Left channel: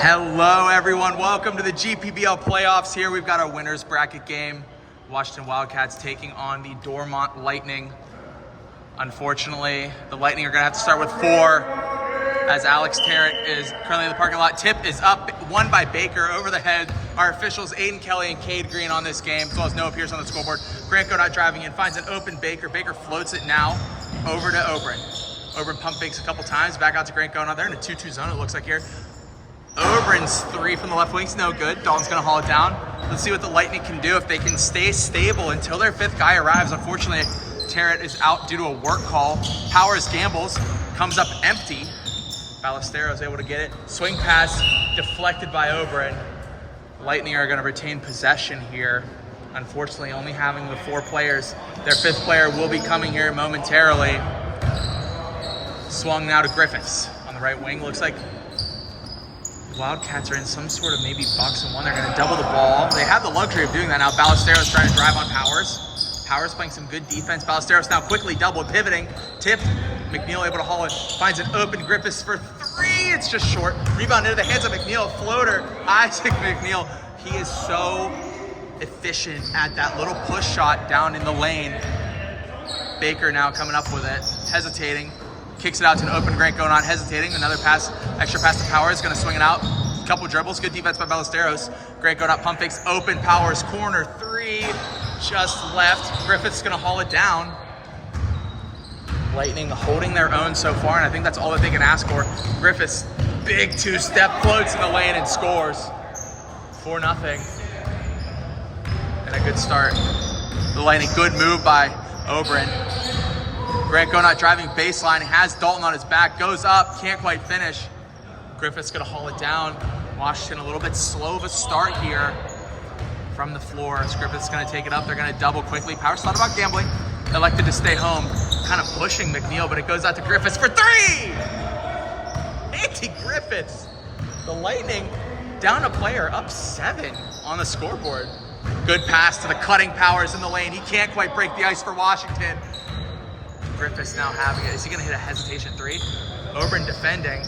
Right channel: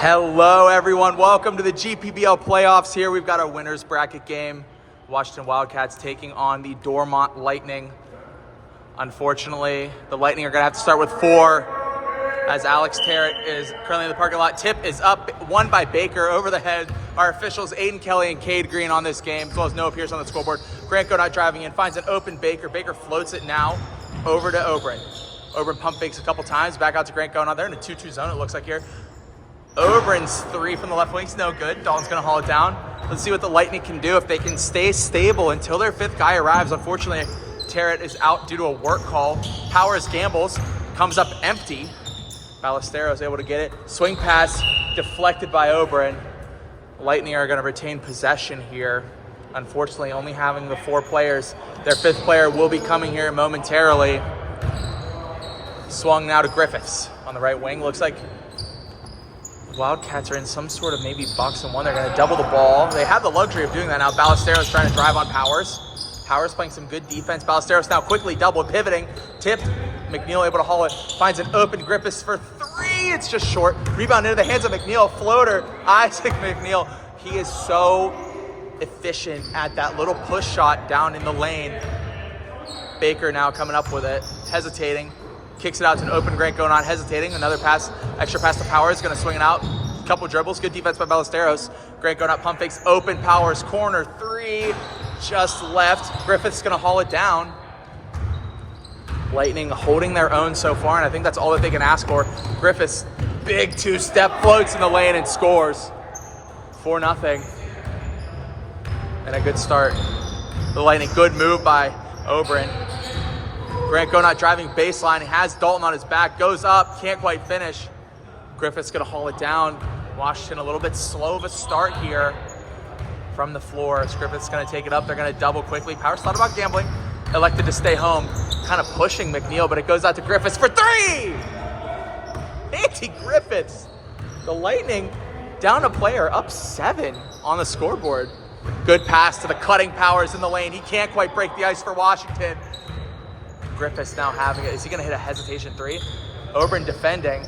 Hello everyone, welcome to the GPBL playoffs here. We've got our winners bracket game. Washington Wildcats taking on the Dormont Lightning. Unfortunately, the Lightning are gonna have to start with 4 as Alex Terrett is currently in the parking lot. Tip is up, won by Baker over the head. Our officials, Aiden Kelly and Cade Green on this game, as well as Noah Pierce on the scoreboard. Grant Godot driving in, finds an open Baker. Baker floats it now over to Oberon. Oberon pump fakes a couple times, back out to Grant Godot. They're in a 2-2 zone, it looks like here. Oberon's 3 from the left wing's no good. Dalton's gonna haul it down. Let's see what the Lightning can do if they can stay stable until their 5th guy arrives. Unfortunately, Terrett is out due to a work call. Powers gambles, comes up empty. Ballesteros able to get it. Swing pass deflected by Oberon. Lightning are gonna retain possession here. Unfortunately, only having the 4 players. Their 5th player will be coming here momentarily. Swung now to Griffiths on the right wing. Looks like Wildcats are in some sort of maybe box and one. They're going to double the ball. They have the luxury of doing that now. Ballesteros trying to drive on Powers. Powers playing some good defense. Ballesteros now quickly double pivoting. Tipped. McNeil able to haul it. Finds an open Griffiths for 3. It's just short. Rebound into the hands of McNeil. Floater. Isaac McNeil. He is so efficient at that little push shot down in the lane. Baker now coming up with it. Hesitating. Kicks it out to an open Grant Godot, hesitating. Another pass, extra pass to Powers, gonna swing it out. Couple dribbles, good defense by Ballesteros. Grant Godot pump fakes, open Powers, corner 3, just left. Griffith's gonna haul it down. Lightning holding their own so far, and I think that's all that they can ask for. Griffiths, big 2-step, floats in the lane and scores. 4-0. And a good start. The Lightning, good move by Oberon. Grant Godot driving baseline, has Dalton on his back, goes up, can't quite finish. Griffith's gonna haul it down. Washington a little bit slow of a start here from the floor. As Griffith's gonna take it up, they're gonna double quickly. Powers thought about gambling, elected to stay home. Kind of pushing McNeil, but it goes out to Griffiths for 3! Andy Griffiths. The Lightning down a player, up 7 on the scoreboard. Good pass to the cutting Powers in the lane. He can't quite break the ice for Washington. Griffiths now having it. Is he going to hit a hesitation 3? Oberon defending.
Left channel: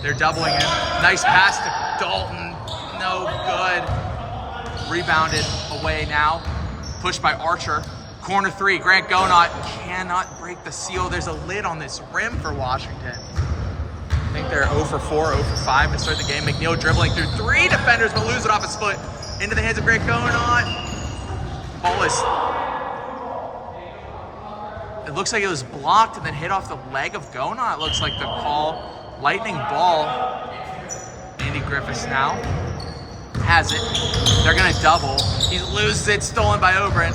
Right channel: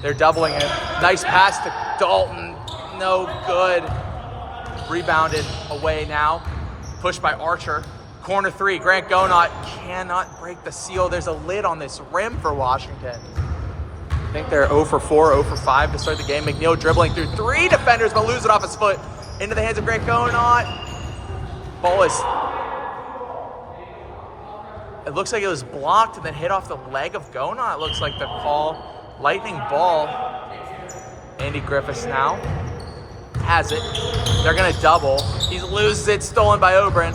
They're doubling him. Nice pass to Dalton. No good. Rebounded away now. Pushed by Archer. Corner 3. Grant Godot cannot break the seal. There's a lid on this rim for Washington. I think they're 0 for 4, 0 for 5 to start the game. McNeil dribbling through 3 defenders, but lose it off his foot. Into the hands of Grant Godot. Ball is... It looks like it was blocked and then hit off the leg of Godot. It looks like the call. Lightning ball. Andy Griffiths now has it. They're going to double. He loses it. Stolen by Oberon.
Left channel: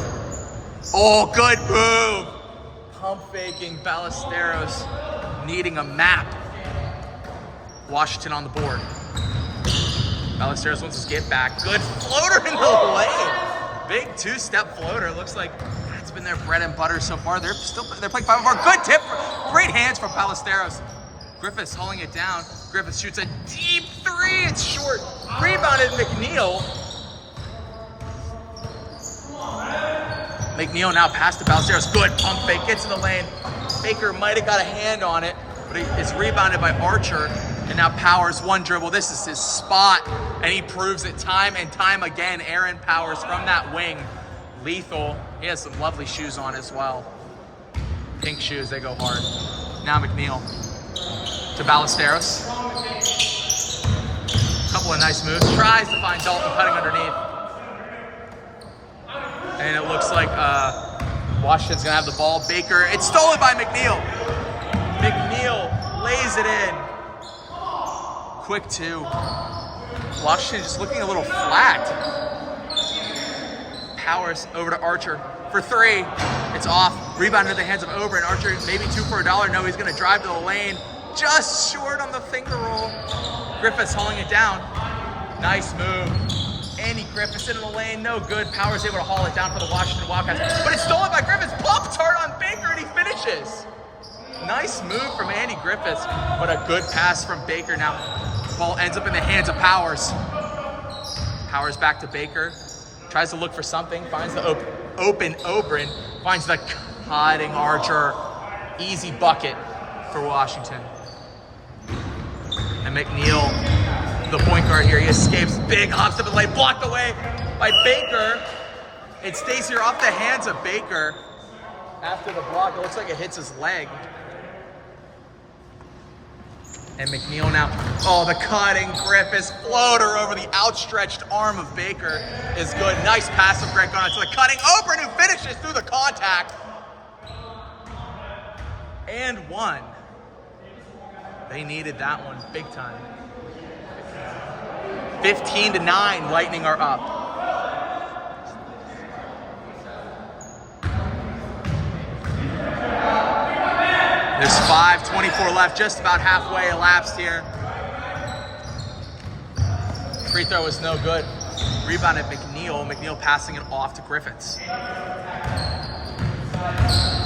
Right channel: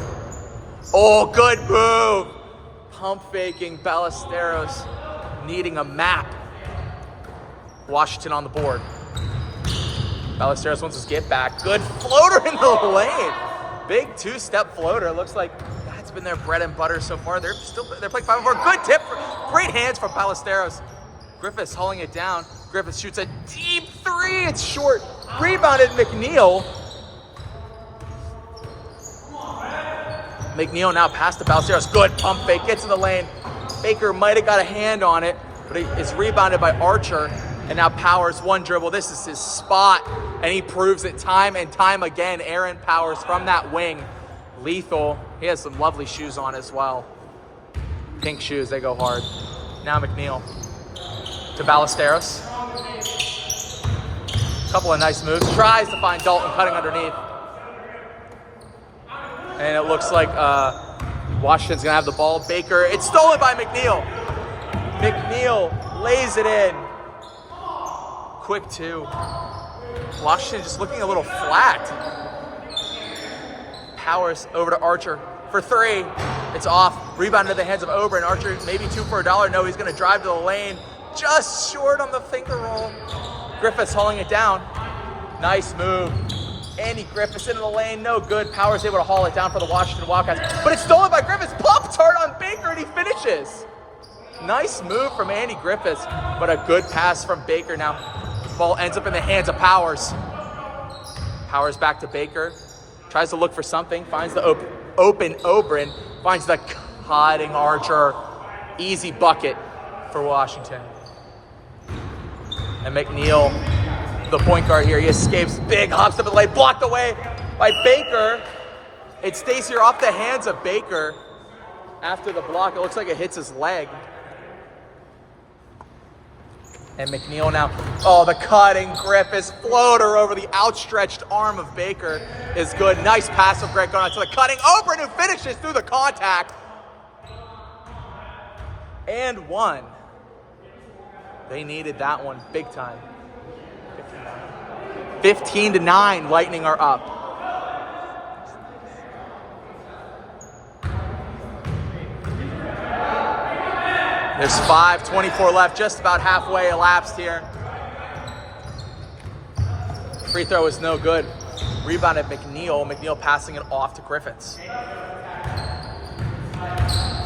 Oh, good move. Pump faking Ballesteros. Needing a map. Washington on the board. Ballesteros wants his get back. Good floater in the lane. Big 2-step floater. Looks like it's been their bread and butter so far. They're playing 5-4. Good tip. Great hands from Ballesteros. Griffiths hauling it down. Griffiths shoots a deep 3. It's short. Rebounded McNeil. McNeil now past the Ballesteros. Good pump fake. Gets in the lane. Baker might have got a hand on it, but it's rebounded by Archer. And now Powers, 1 dribble. This is his spot, and he proves it time and time again. Aaron Powers from that wing. Lethal. He has some lovely shoes on as well. Pink shoes, they go hard. Now McNeil to Ballesteros. Couple of nice moves. Tries to find Dalton cutting underneath. And it looks like Washington's gonna have the ball. Baker, it's stolen by McNeil. McNeil lays it in. Quick 2. Washington just looking a little flat. Powers over to Archer for 3. It's off. Rebound into the hands of Oberon. Archer maybe 2 for $1. No, he's going to drive to the lane. Just short on the finger roll. Griffiths hauling it down. Nice move. Andy Griffiths into the lane. No good. Powers able to haul it down for the Washington Wildcats. But it's stolen by Griffiths. Pump turn on Baker and he finishes. Nice move from Andy Griffiths, but a good pass from Baker. Now, ball ends up in the hands of Powers. Powers back to Baker. Tries to look for something, finds the open Oberon, finds the cutting Archer. Easy bucket for Washington. And McNeil the point guard here. He escapes, big hops up the lane, blocked away by Baker. It stays here off the hands of Baker. After the block, it looks like it hits his leg. And McNeil now, oh, the cutting Griffiths floater over the outstretched arm of Baker is good. Nice pass from Greg going to the cutting Oberon, who finishes through the contact. And one. They needed that one big time. 15-9, Lightning are up. There's 5:24 left, just about halfway elapsed here. Free throw is no good. Rebound at McNeil. McNeil passing it off to Griffiths.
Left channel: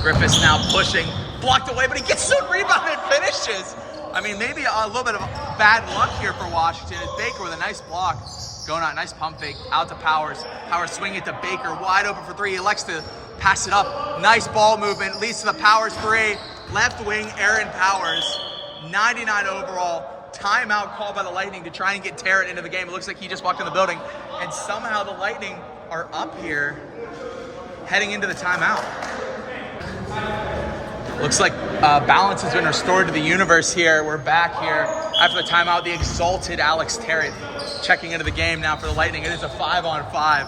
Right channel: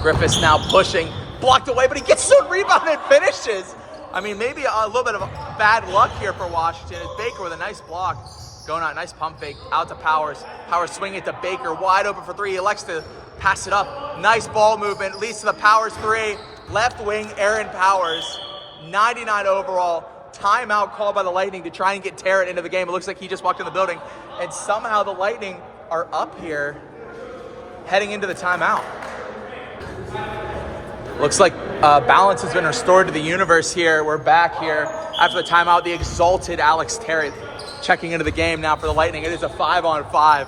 Griffiths now pushing, blocked away, but he gets the rebound and finishes. I mean, maybe a little bit of bad luck here for Washington. It's Baker with a nice block. Going out, nice pump fake, out to Powers. Powers swinging it to Baker, wide open for three. He elects to pass it up. Nice ball movement, leads to the Powers three. Left wing, Aaron Powers, 99 overall. Timeout called by the Lightning to try and get Tarrant into the game. It looks like he just walked in the building. And somehow the Lightning are up here heading into the timeout. Looks like balance has been restored to the universe here. We're back here after the timeout. The exalted Alex Tarrant checking into the game now for the Lightning. It is a 5-on-5.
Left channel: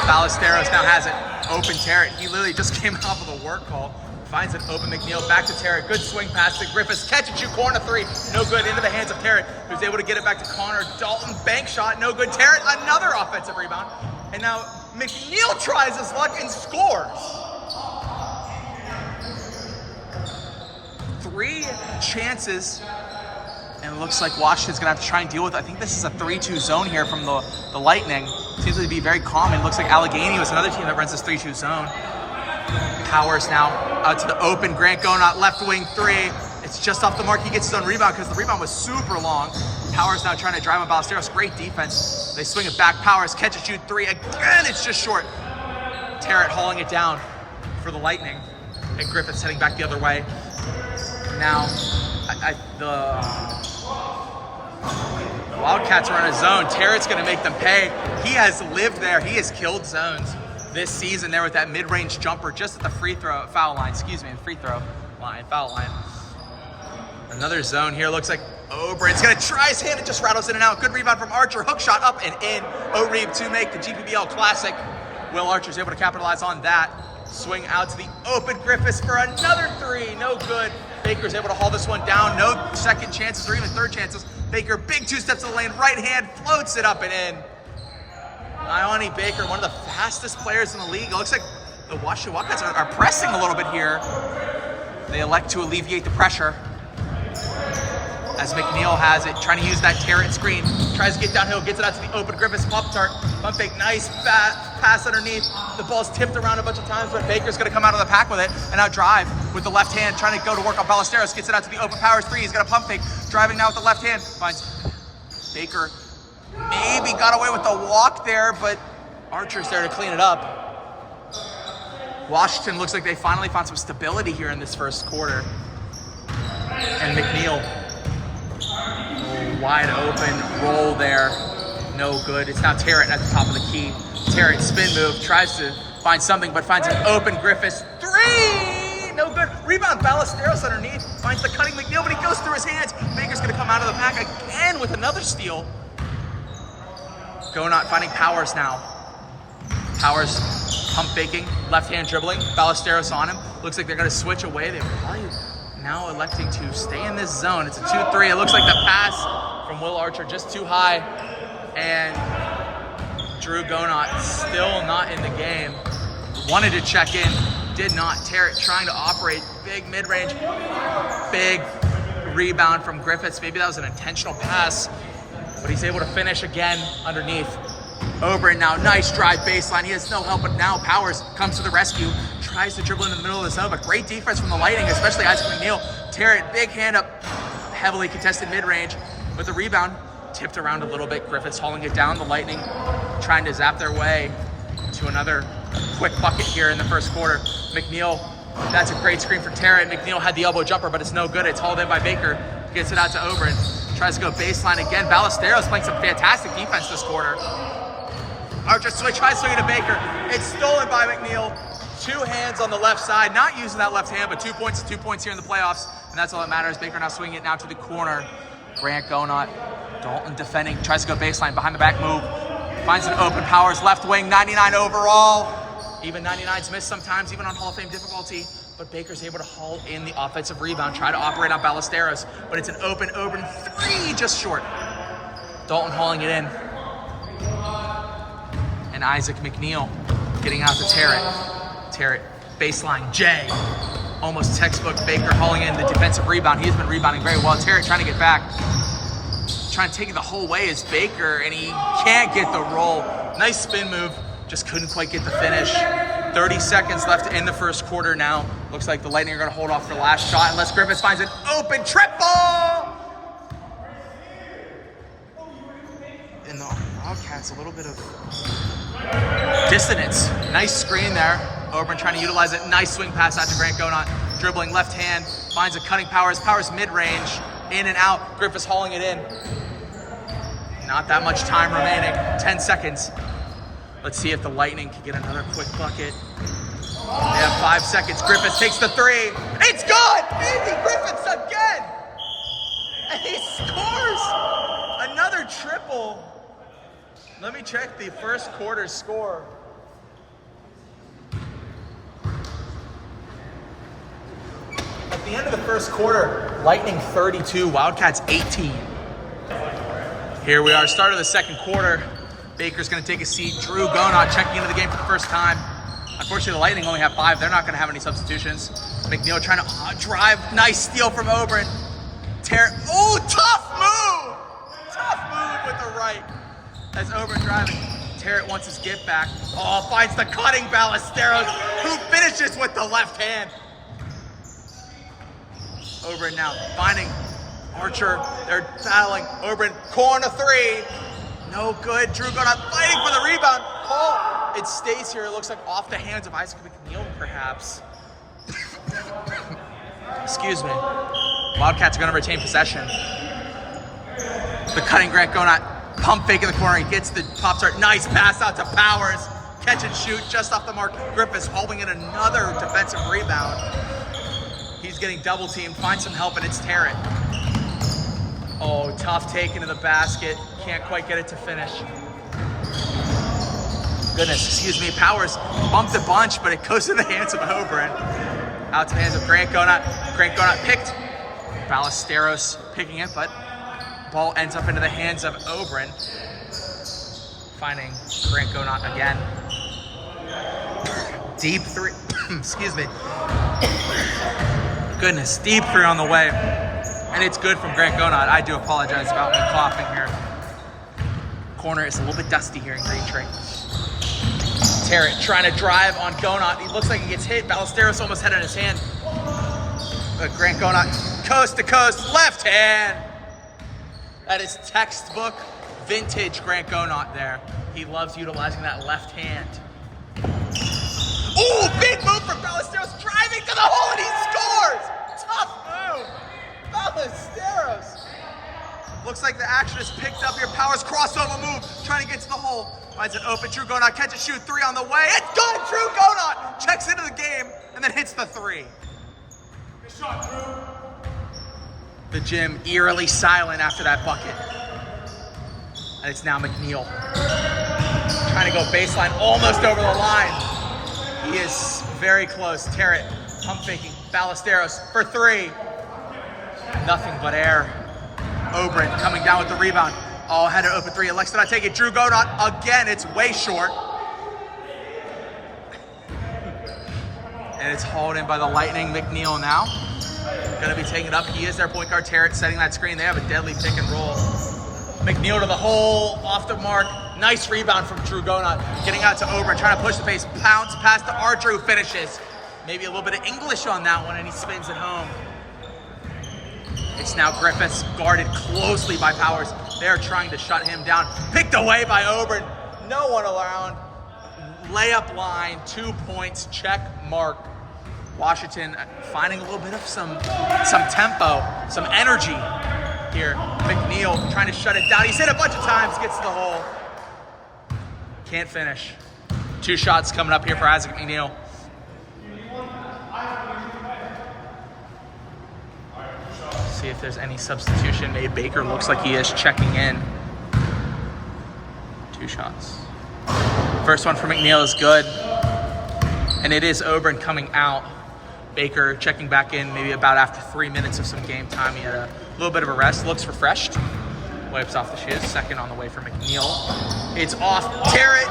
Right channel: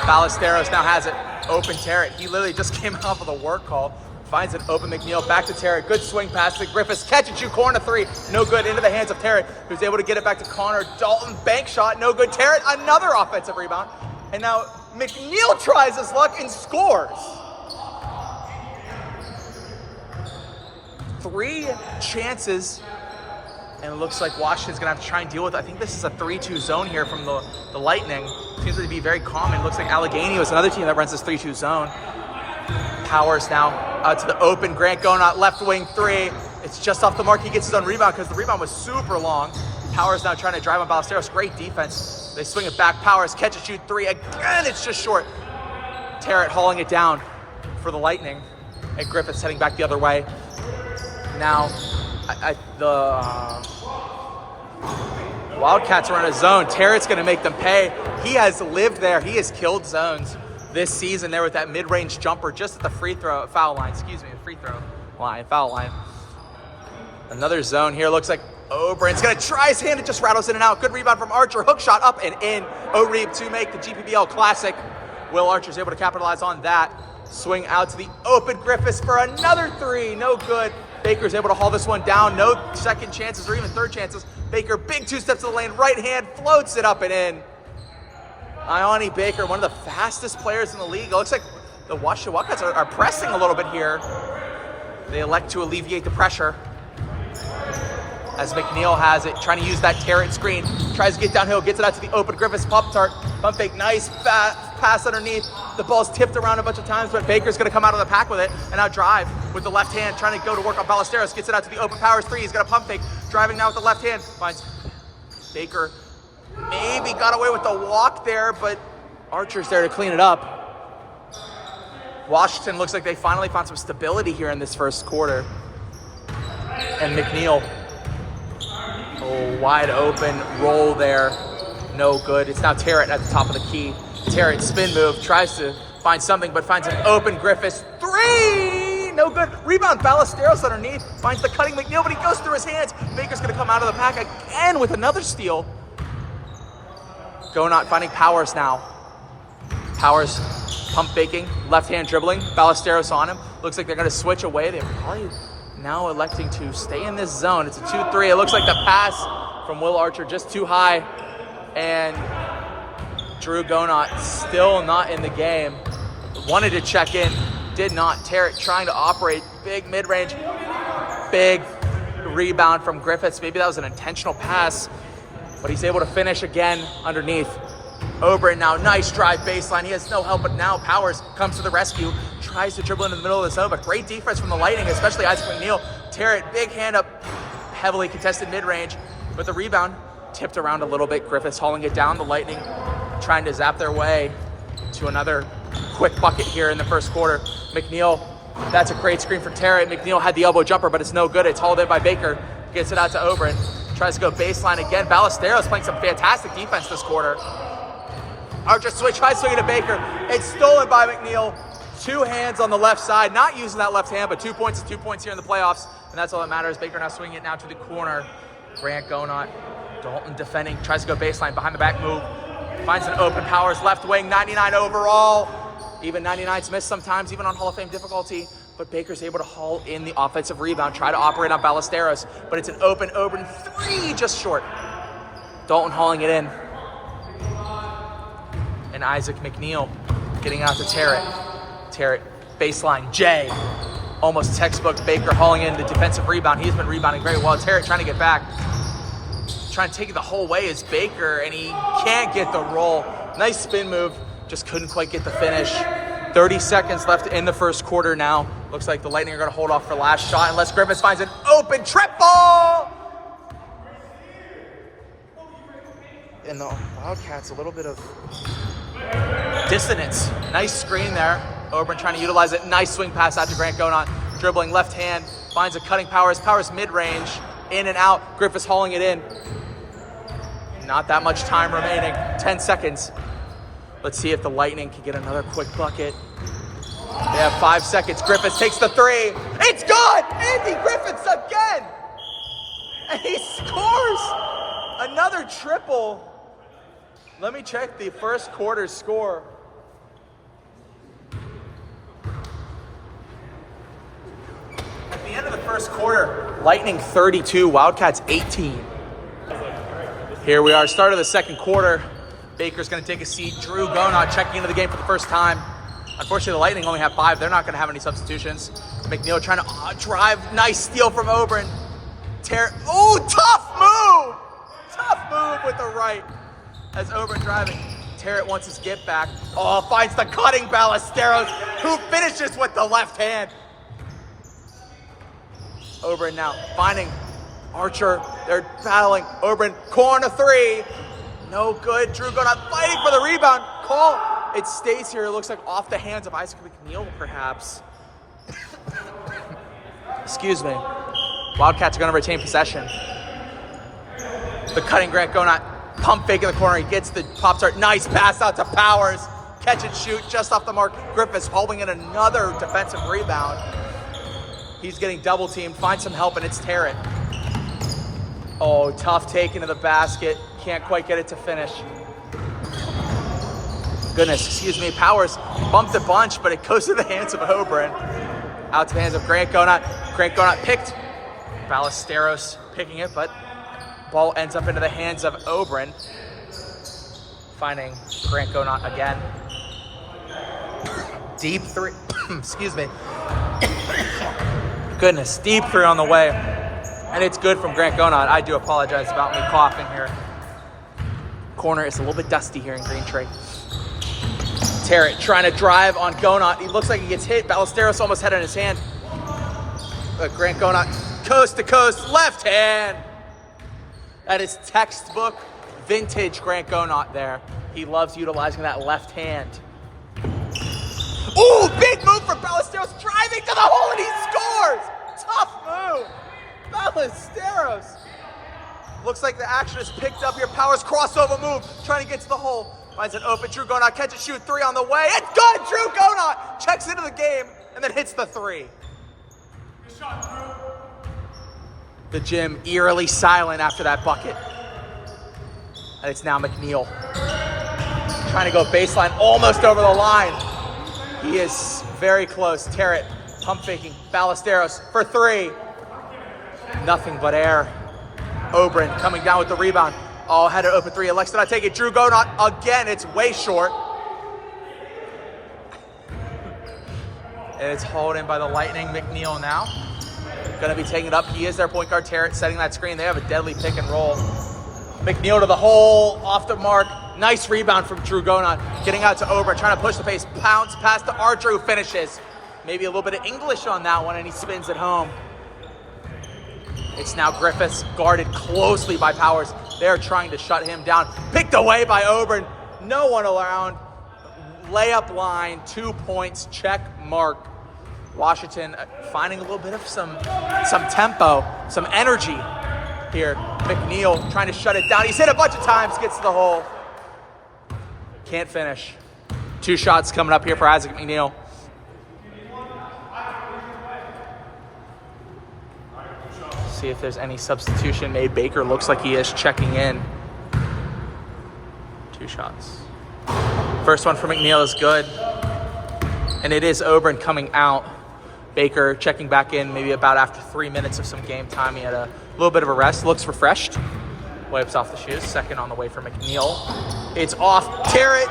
Ballesteros now has it. Open Tarrant. He literally just came off of the work call. Finds it open, McNeil back to Tarrant. Good swing pass to Griffiths. Catch and shoot, corner three. No good, into the hands of Tarrant, who's able to get it back to Connor. Dalton, bank shot, no good. Tarrant, another offensive rebound. And now McNeil tries his luck and scores. 3 chances. And it looks like Washington's gonna have to try and deal with it. I think this is a 3-2 zone here from the Lightning. Seems to be very common. It looks like Allegheny was another team that runs this 3-2 zone. Powers now out to the open. Grant going out left wing three. It's just off the mark. He gets his own rebound because the rebound was super long. Powers now trying to drive on Ballesteros. Great defense. They swing it back. Powers catch and shoot three. Again, it's just short. Tarrant hauling it down for the Lightning. And Griffiths heading back the other way. Now, the Wildcats are in a zone. Tarrant's going to make them pay. He has lived there. He has killed zones this season there with that mid-range jumper just at the foul line. Another zone here. Looks like Oberon's going to try his hand. It just rattles in and out. Good rebound from Archer. Hook shot up and in. O'Reeb to make the GPBL Classic. Will Archer's able to capitalize on that. Swing out to the open Griffiths for another three. No good. Baker's able to haul this one down. No second chances or even third chances. Baker, big 2 steps to the lane. Right hand floats it up and in. Ione Baker, one of the fastest players in the league. It looks like the Washington Wildcats are pressing a little bit here. They elect to alleviate the pressure. As McNeil has it, trying to use that Tarrant screen. Tries to get downhill, gets it out to the open Griffiths pump fake, nice pass underneath. The ball's tipped around a bunch of times, but Baker's going to come out of the pack with it and now drive with the left hand, trying to go to work on Ballesteros. Gets it out to the open Powers three. He's got a pump fake, driving now with the left hand. Finds Baker. Maybe got away with the walk there, but Archer's there to clean it up. Washington looks like they finally found some stability here in this first quarter. And McNeil, wide open roll there. No good. It's now Tarrant at the top of the key. Tarrant spin move, tries to find something, but finds an open Griffiths three. No good. Rebound, Ballesteros underneath. Finds the cutting McNeil, but he goes through his hands. Baker's going to come out of the pack again with another steal. Going out, finding Powers now. Powers pump faking, left hand dribbling, Ballesteros on him. Looks like they're going to switch away. They're probably now electing to stay in this zone. It's a 2-3. It looks like the pass from Will Archer just too high. And Drew Gonot still not in the game. Wanted to check in, did not. Tarrant trying to operate. Big mid-range, big rebound from Griffiths. Maybe that was an intentional pass, but he's able to finish again underneath. Oberon now, nice drive baseline. He has no help, but now Powers comes to the rescue. Tries to dribble into the middle of the zone, but great defense from the Lightning, especially Isaac McNeil. Tarrant, big hand up, heavily contested mid-range, but the rebound tipped around a little bit. Griffiths hauling it down. The Lightning trying to zap their way to another quick bucket here in the first quarter. McNeil, that's a great screen for Tarrant. McNeil had the elbow jumper, but it's no good. It's hauled in by Baker. Gets it out to Oberon. Tries to go baseline again. Ballesteros playing some fantastic defense this quarter. Archer tries swinging to Baker. It's stolen by McNeil. 2 hands on the left side. Not using that left hand, but 2 points here in the playoffs. And that's all that matters. Baker now swinging it now to the corner. Grant Gonot. Dalton defending. Tries to go baseline. Behind the back move. Finds an open Powers. Left wing. 99 overall. Even 99's missed sometimes, even on Hall of Fame difficulty. But Baker's able to haul in the offensive rebound. Try to operate on Ballesteros. But it's an open 3. Just short. Dalton hauling it in. And Isaac McNeil getting out to Terrett. Terrett, baseline, Jay. Almost textbook. Baker hauling in the defensive rebound. He's been rebounding very well. Terrett trying to get back. Trying to take it the whole way is Baker, and he can't get the roll. Nice spin move. Just couldn't quite get the finish. 30 seconds left in the first quarter now. Looks like the Lightning are going to hold off for last shot unless Griffiths finds an open triple. And the Wildcats, a little bit of dissonance. Nice screen there. Oberyn trying to utilize it. Nice swing pass out to Grant Gonot. Dribbling left hand. Finds a cutting Powers. Powers mid-range. In and out. Griffiths hauling it in. Not that much time remaining. 10 seconds. Let's see if the Lightning can get another quick bucket. They have 5 seconds. Griffiths takes the 3. It's good! Andy Griffiths again! And he scores! Another triple. Let me check the first quarter score. At the end of the first quarter, Lightning 32, Wildcats 18. Here we are, start of the second quarter. Baker's going to take a seat. Drew Gonot checking into the game for the first time. Unfortunately, the Lightning only have 5. They're not going to have any substitutions. McNeil trying to drive. Nice steal from Oberyn. Oh, tough move! Tough move with the right. As Oberyn driving. Terrett wants his get back. Oh, finds the cutting Ballesteros, who finishes with the left hand. Oberyn now finding Archer. They're battling. Oberyn, corner 3. No good. Drew Gonot fighting for the rebound. Oh, it stays here. It looks like off the hands of Isaac McNeil, perhaps. Excuse me. Wildcats are going to retain possession. The cutting Grant Gonot. Pump fake in the corner. He gets the pop start. Nice pass out to Powers. Catch and shoot just off the mark. Griffiths holding in another defensive rebound. He's getting double teamed. Finds some help, and it's Terrett. Oh, tough take into the basket. Can't quite get it to finish. Goodness, excuse me. Powers bumped a bunch, but it goes to the hands of Oberyn. Out to the hands of Grant Gonot. Grant Gonot picked. Ballesteros picking it, but ball ends up into the hands of Oberyn. Finding Grant Gonot again. Deep 3. Excuse me. Goodness, deep 3 on the way. And it's good from Grant Gonot. I do apologize about me coughing here. Corner is a little bit dusty here in Green Tree. Terrett trying to drive on Gonot. He looks like he gets hit. Ballesteros almost had it in his hand. But Grant Gonot, coast to coast, left hand. And it's textbook vintage Grant Gonot there. He loves utilizing that left hand. Ooh, big move from Ballesteros, driving to the hole, and he scores! Tough move. Ballesteros. Looks like the action is picked up here. Powers crossover move, trying to get to the hole. Finds an open Drew Gonot, catch and shoot 3 on the way. It's good! Drew Gonot checks into the game and then hits the 3. Good shot, Drew. The gym eerily silent after that bucket. And it's now McNeil. Trying to go baseline, almost over the line. He is very close. Terrett pump faking. Ballesteros for 3. Nothing but air. Oberyn coming down with the rebound. Oh, had an open 3. Elects to not take it. Drew Gonot again. It's way short. And it's hauled in by the Lightning. McNeil now. Going to be taking it up. He is their point guard. Terrett setting that screen. They have a deadly pick and roll. McNeil to the hole. Off the mark. Nice rebound from Drew Gonot. Getting out to Oberyn. Trying to push the pace. Pounce. Pass to Archer, who finishes. Maybe a little bit of English on that one, and he spins it home. It's now Griffiths, guarded closely by Powers. They're trying to shut him down. Picked away by Oberyn. No one around. Layup line, 2 points, check mark. Washington finding a little bit of some tempo, some energy here. McNeil trying to shut it down. He's hit a bunch of times, gets to the hole. Can't finish. 2 shots coming up here for Isaac McNeil. See if there's any substitution made. Baker looks like he is checking in. 2 shots. First one for McNeil is good. And it is Oberon coming out. Baker checking back in maybe about after 3 minutes of some game time. He had a little bit of a rest. Looks refreshed. Wipes off the shoes. Second on the way for McNeil. It's off. Terrett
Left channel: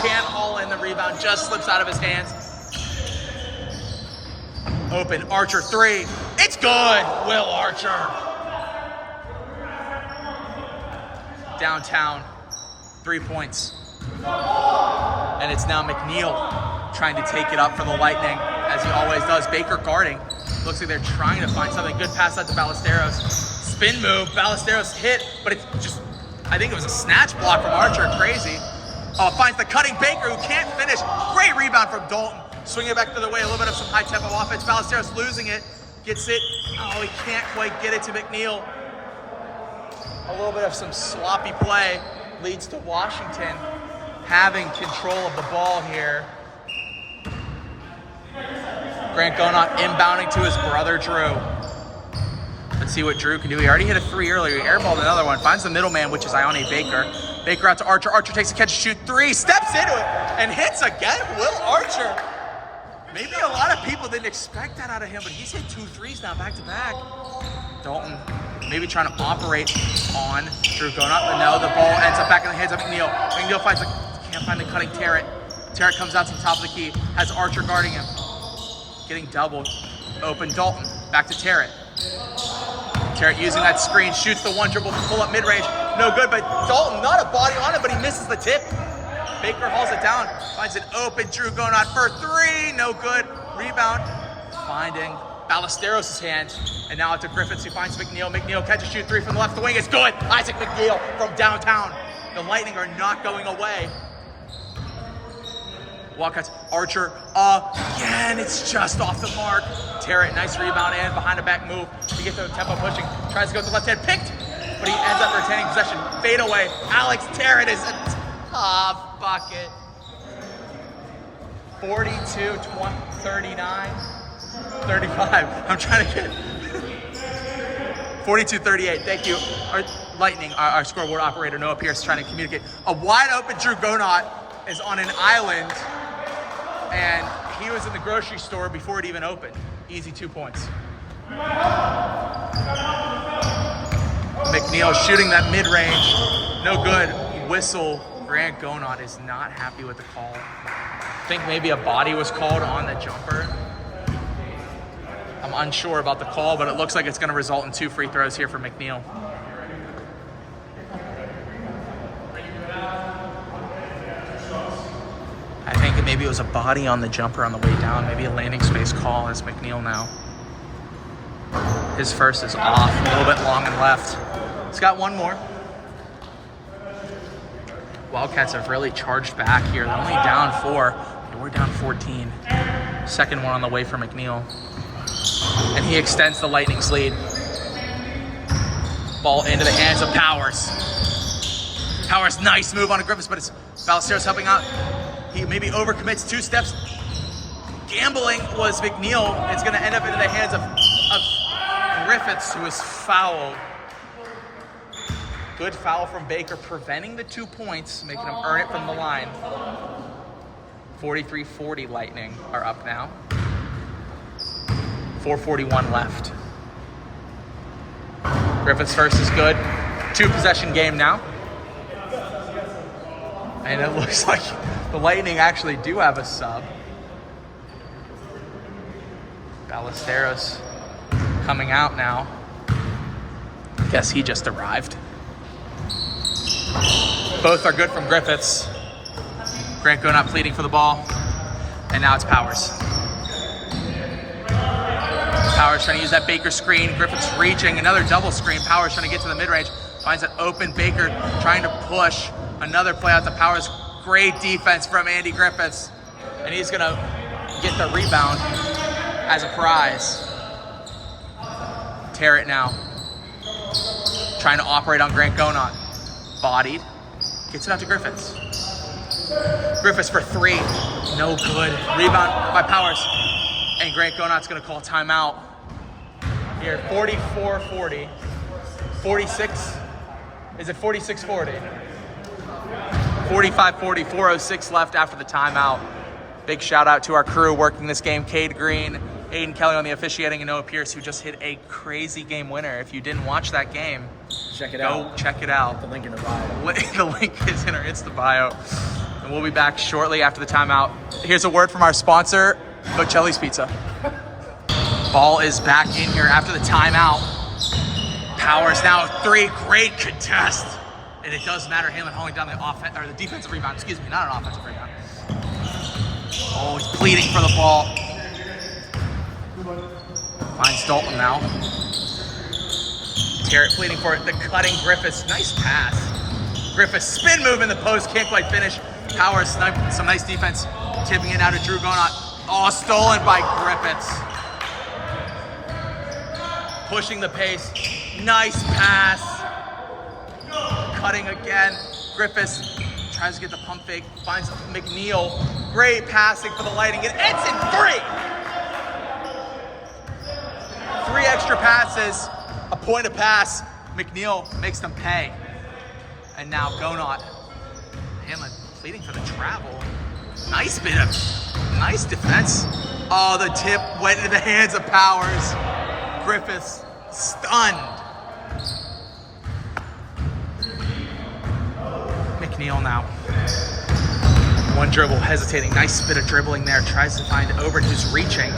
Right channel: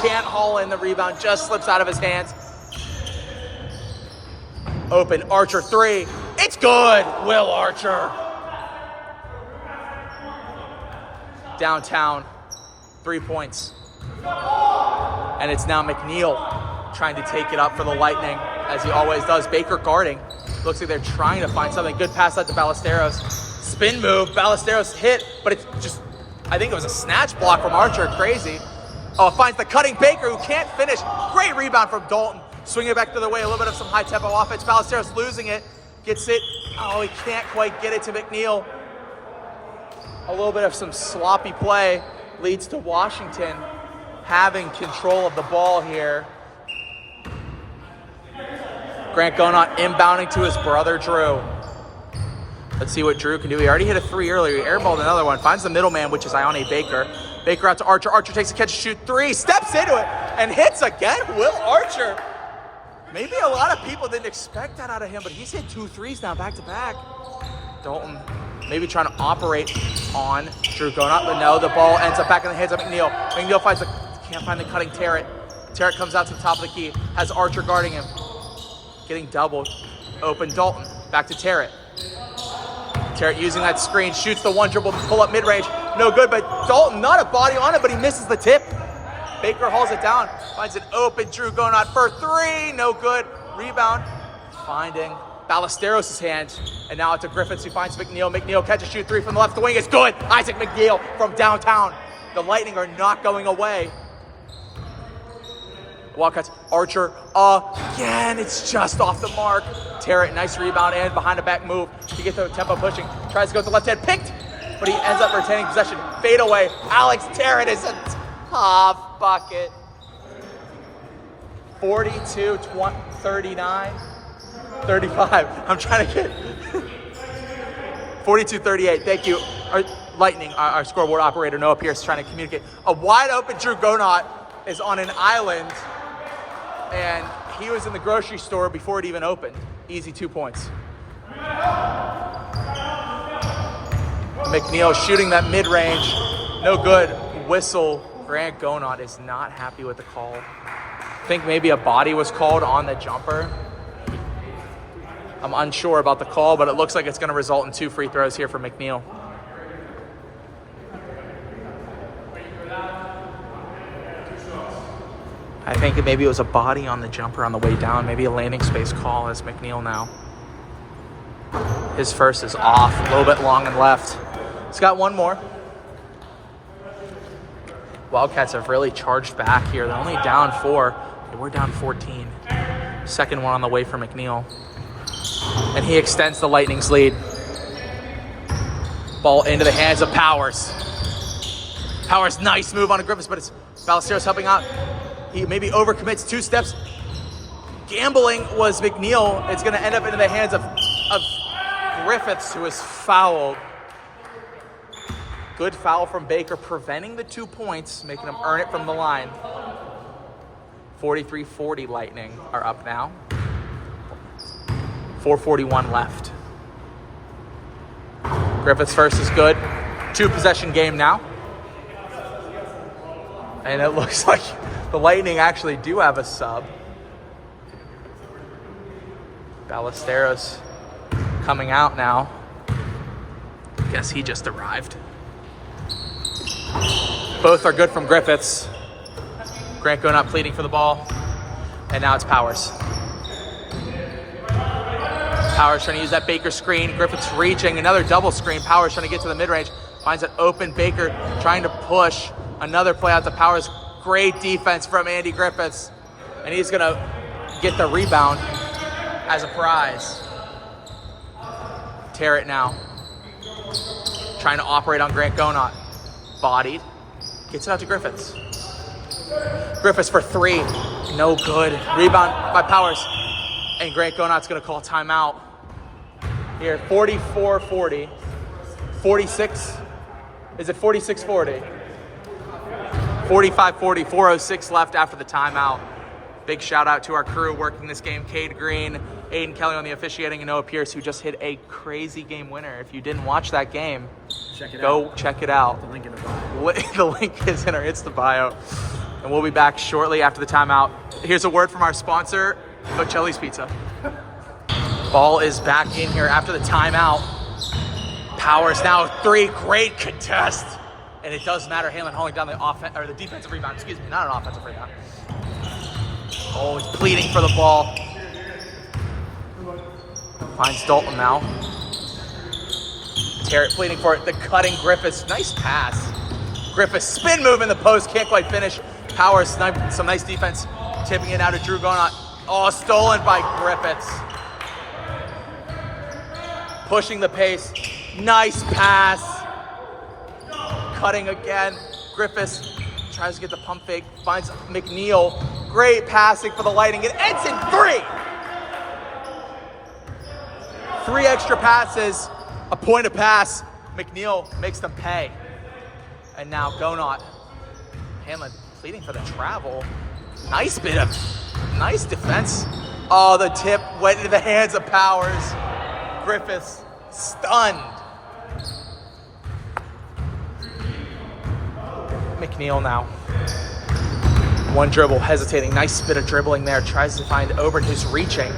can't haul in the rebound. Just slips out of his hands. Open. Archer 3. It's good. Will Archer. Downtown. 3 points. And it's now McNeil trying to take it up for the Lightning, as he always does. Baker guarding. Looks like they're trying to find something. Good pass out to Ballesteros. Spin move. Ballesteros hit, but it just, I think it was a snatch block from Archer. Crazy. Oh, finds the cutting Baker, who can't finish. Great rebound from Dalton. Swinging it back the other way. A little bit of some high tempo offense. Ballesteros losing it. Gets it. Oh, he can't quite get it to McNeil. A little bit of some sloppy play leads to Washington having control of the ball here. Grant Gonot inbounding to his brother, Drew. Let's see what Drew can do. He already hit a 3 earlier. He airballed another one. Finds the middleman, which is Ione Baker. Baker out to Archer. Archer takes a catch, shoot 3. Steps into it and hits again. Will Archer. Maybe a lot of people didn't expect that out of him, but he's hit 2 threes now back to back. Dalton maybe trying to operate on Drew Gonot, but no, the ball ends up back in the hands of McNeil. McNeil can't find the cutting Terrett. Terrett comes out to the top of the key. Has Archer guarding him. Getting doubled. Open Dalton. Back to Terrett. Terrett using that screen. Shoots the 1 dribble pull up mid-range. No good, but Dalton not a body on it, but he misses the tip. Baker hauls it down. Finds an open Drew Gonot for 3. No good. Rebound. Finding Ballesteros' hand. And now it's to Griffiths, who finds McNeil. McNeil catches shoot 3 from the left. The wing is good. Isaac McNeil from downtown. The Lightning are not going away. Wildcats. Archer again. It's just off the mark. Terrett, nice rebound and behind the back move to get the tempo pushing. Tries to go to the left hand. Picked, but he ends up retaining possession. Fade away. Alex Terrett is a top bucket. 42, 20, 39, 35. I'm trying to get 42, 38. Thank you. Our Lightning, our scoreboard operator, Noah Pierce, trying to communicate. A wide open Drew Gonot is on an island, and he was in the grocery store before it even opened. Easy 2 points. McNeil shooting that mid-range. No good. Whistle. Grant Gonot is not happy with the call. I think maybe a body was called on the jumper. I'm unsure about the call, but it looks like it's going to result in 2 free throws here for McNeil. I think maybe it was a body on the jumper on the way down. Maybe a landing space call as McNeil now. His first is off, a little bit long and left. He's got 1 more. Wildcats have really charged back here. They're only down 4. We're down 14. Second one on the way for McNeil. And he extends the Lightning's lead. Ball into the hands of Powers. Powers, nice move on a Griffiths, but it's Ballesteros helping out. He maybe overcommits 2 steps. Gambling was McNeil. It's going to end up into the hands of Griffiths, who is fouled. Good foul from Baker, preventing the 2 points, making him earn it from the line. 43-40 Lightning are up now. 4:41 left. Griffiths first is good. 2 possession game now. And it looks like the Lightning actually do have a sub. Ballesteros coming out now. Guess he just arrived. Both are good from Griffiths. Grant Gonot pleading for the ball. And now it's Powers. Powers trying to use that Baker screen. Griffiths reaching. Another double screen. Powers trying to get to the mid-range. Finds an open Baker trying to push. Another play out to Powers. Great defense from Andy Griffiths. And he's going to get the rebound as a prize. Terrett now. trying to operate on Grant Gonot. Bodied. Gets it out to Griffiths. Griffiths for three. No good. Rebound by Powers. And Grant Gonot's going to call timeout. Here, 44-40. 46. Is it 46-40? 45-40. 4:06 left after the timeout. Big shout out to our crew working this game. Cade Green, Aiden Kelly on the officiating, and Noah Pierce, who just hit a crazy game winner. If you didn't watch that game, go check it out. The link in the bio. The link is in our Insta bio. And we'll be back shortly after the timeout. Here's a word from our sponsor, Bocelli's Pizza. Ball is back in here after the timeout. Powers now 3. Great contest. And it does matter. Hanlon hauling down the defensive rebound. Excuse me, not an offensive rebound. Oh, he's pleading for the ball. Finds Dalton now. Terrett pleading for it. The cutting Griffiths. Nice pass. Griffiths spin move in the post. Can't quite finish. Powers, some nice defense. Tipping it out to Drew Gonot. Oh, stolen by Griffiths. Pushing the pace. Nice pass. Cutting again. Griffiths tries to get the pump fake. Finds McNeil. Great passing for the Lightning. It ends in 3. 3 extra passes. A point a pass. McNeil makes them pay. And now Gonot. Hanlon pleading for the travel. Nice defense. Oh, the tip went into the hands of Powers. Griffiths stunned. McNeil now. One dribble, hesitating. Nice bit of dribbling there. Tries to find Ober. His reaching.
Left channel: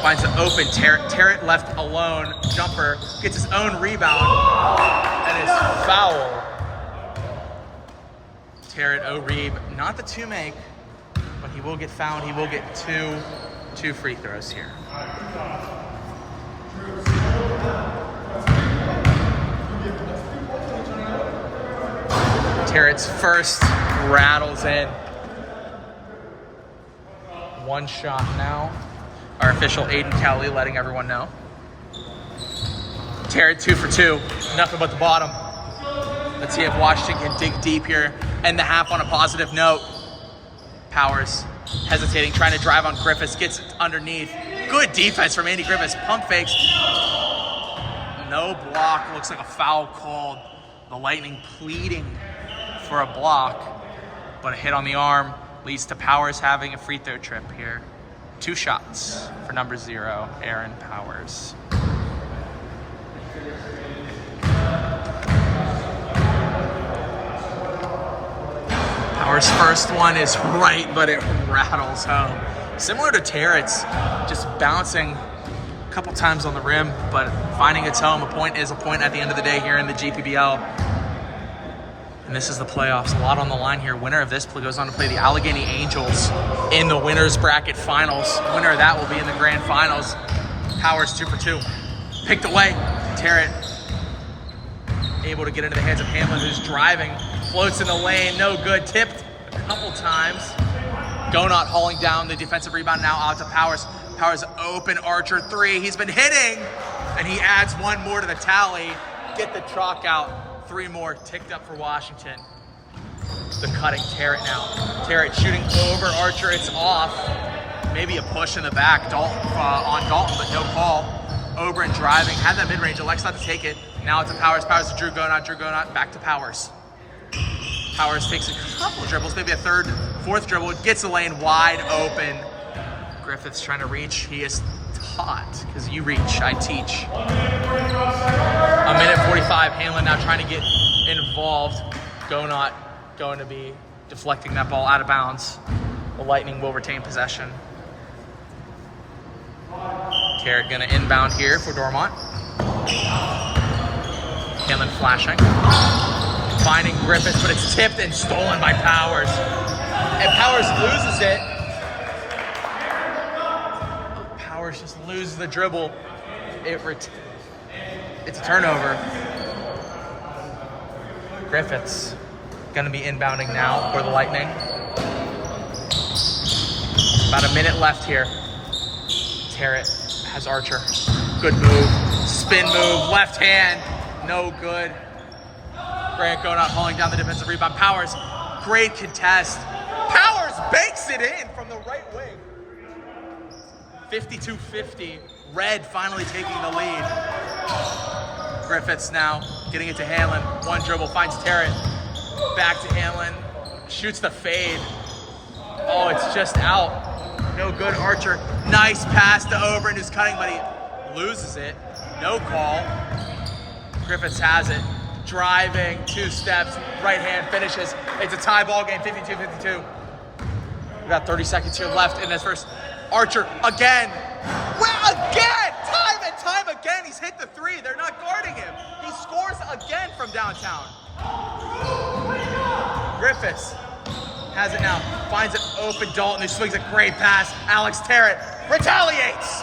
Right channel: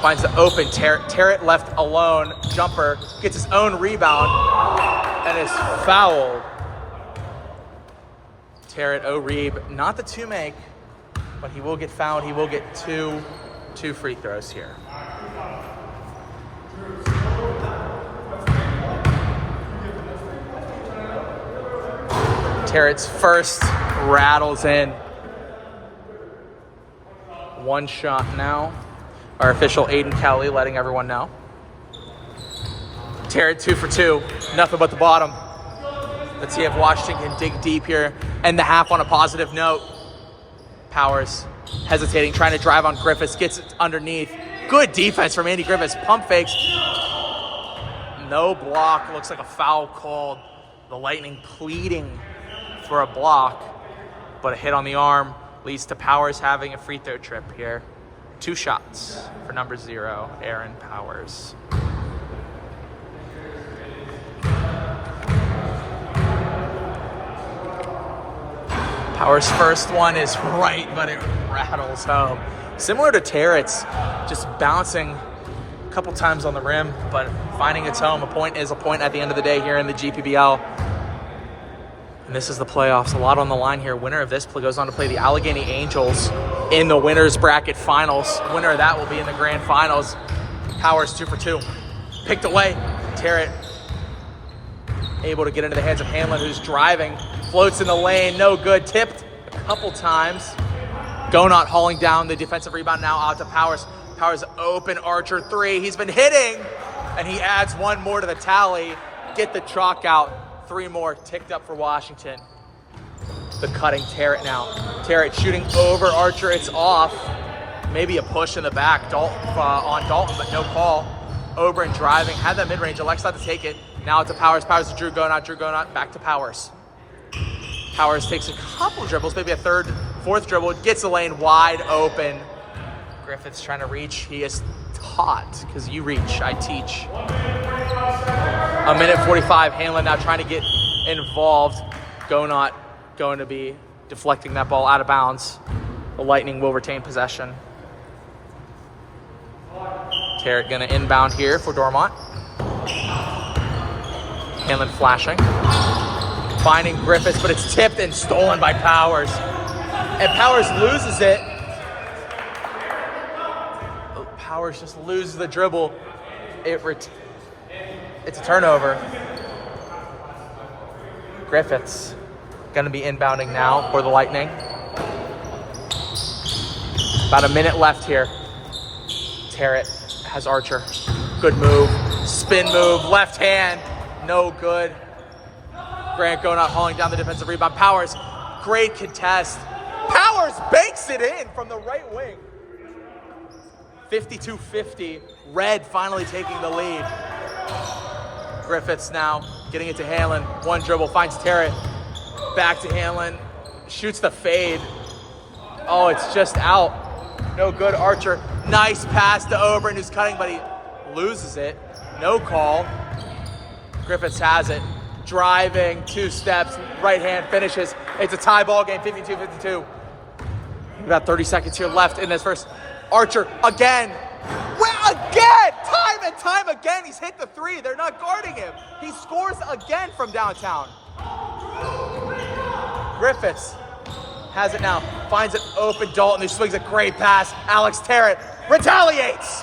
Finds the open Terrett. Terrett left alone. Jumper. Gets his own rebound. And is fouled. Terrett O'Reeb. Not the 2 make, but he will get fouled. He will get two free throws here. Terrett's first rattles in. 1 shot now. Our official Aiden Kelly letting everyone know. Terrett 2 for 2. Nothing but the bottom. Let's see if Washington can dig deep here. End the half on a positive note. Powers hesitating, trying to drive on Griffiths. Gets it underneath. Good defense from Andy Griffiths. Pump fakes. No block. Looks like a foul called. The Lightning pleading for a block, but a hit on the arm leads to Powers having a free throw trip here. 2 shots for number 0, Aaron Powers. Powers' first one is right, but it rattles home. Similar to Terrett's, just bouncing a couple times on the rim, but finding its home. A point is a point at the end of the day here in the GPBL. And this is the playoffs. A lot on the line here. Winner of this goes on to play the Allegheny Angels in the winner's bracket finals. Winner of that will be in the grand finals. Powers 2 for 2. Picked away. Terrett able to get into the hands of Hanlon, who's driving. Floats in the lane. No good. Tipped a couple times. Gonot hauling down the defensive rebound now out to Powers. Powers open. Archer 3. He's been hitting. And he adds 1 more to the tally. Get the chalk out. 3 more ticked up for Washington. The cutting Terrett now. Terrett shooting over Archer. It's off. Maybe a push in the back on Dalton, but no call. Oberon driving. Had that mid-range. Elects not to take it. Now it's a Powers. Powers to Drew Gonot. Drew Gonot back to Powers. Powers takes a couple dribbles. Maybe a 3rd, 4th dribble. Gets the lane wide open. Griffiths trying to reach. He is taught, because you reach, I teach. A minute 45, Hanlon now trying to get involved. Gonot going to be deflecting that ball out of bounds. The Lightning will retain possession. Terrett going to inbound here for Dormont. Hanlon flashing. Finding Griffiths, but it's tipped and stolen by Powers. And Powers loses it. Powers just loses the dribble. It's a turnover. Griffiths going to be inbounding now for the Lightning. About a minute left here. Terrett has Archer. Good move. Spin move. Left hand. no good. Grant Gonot hauling down the defensive rebound. Powers, great contest. Powers bakes it in from the right wing. 52-50. Red finally taking the lead. Griffiths now getting it to Hanlon. One dribble, finds Terrett. Back to Hanlon. Shoots the fade. Oh, it's just out. No good. Archer. Nice pass to Oberon, who's cutting, but he loses it. No call. Griffiths has it. Driving, 2 steps, right hand finishes. It's a tie ball game, 52-52. We got 30 seconds here left in this first. Archer again. Well, again! Time and time again, he's hit the 3. They're not guarding him. He scores again from downtown. Griffiths has it now. Finds an open Dalton, who swings a great pass. Alex Terrett retaliates.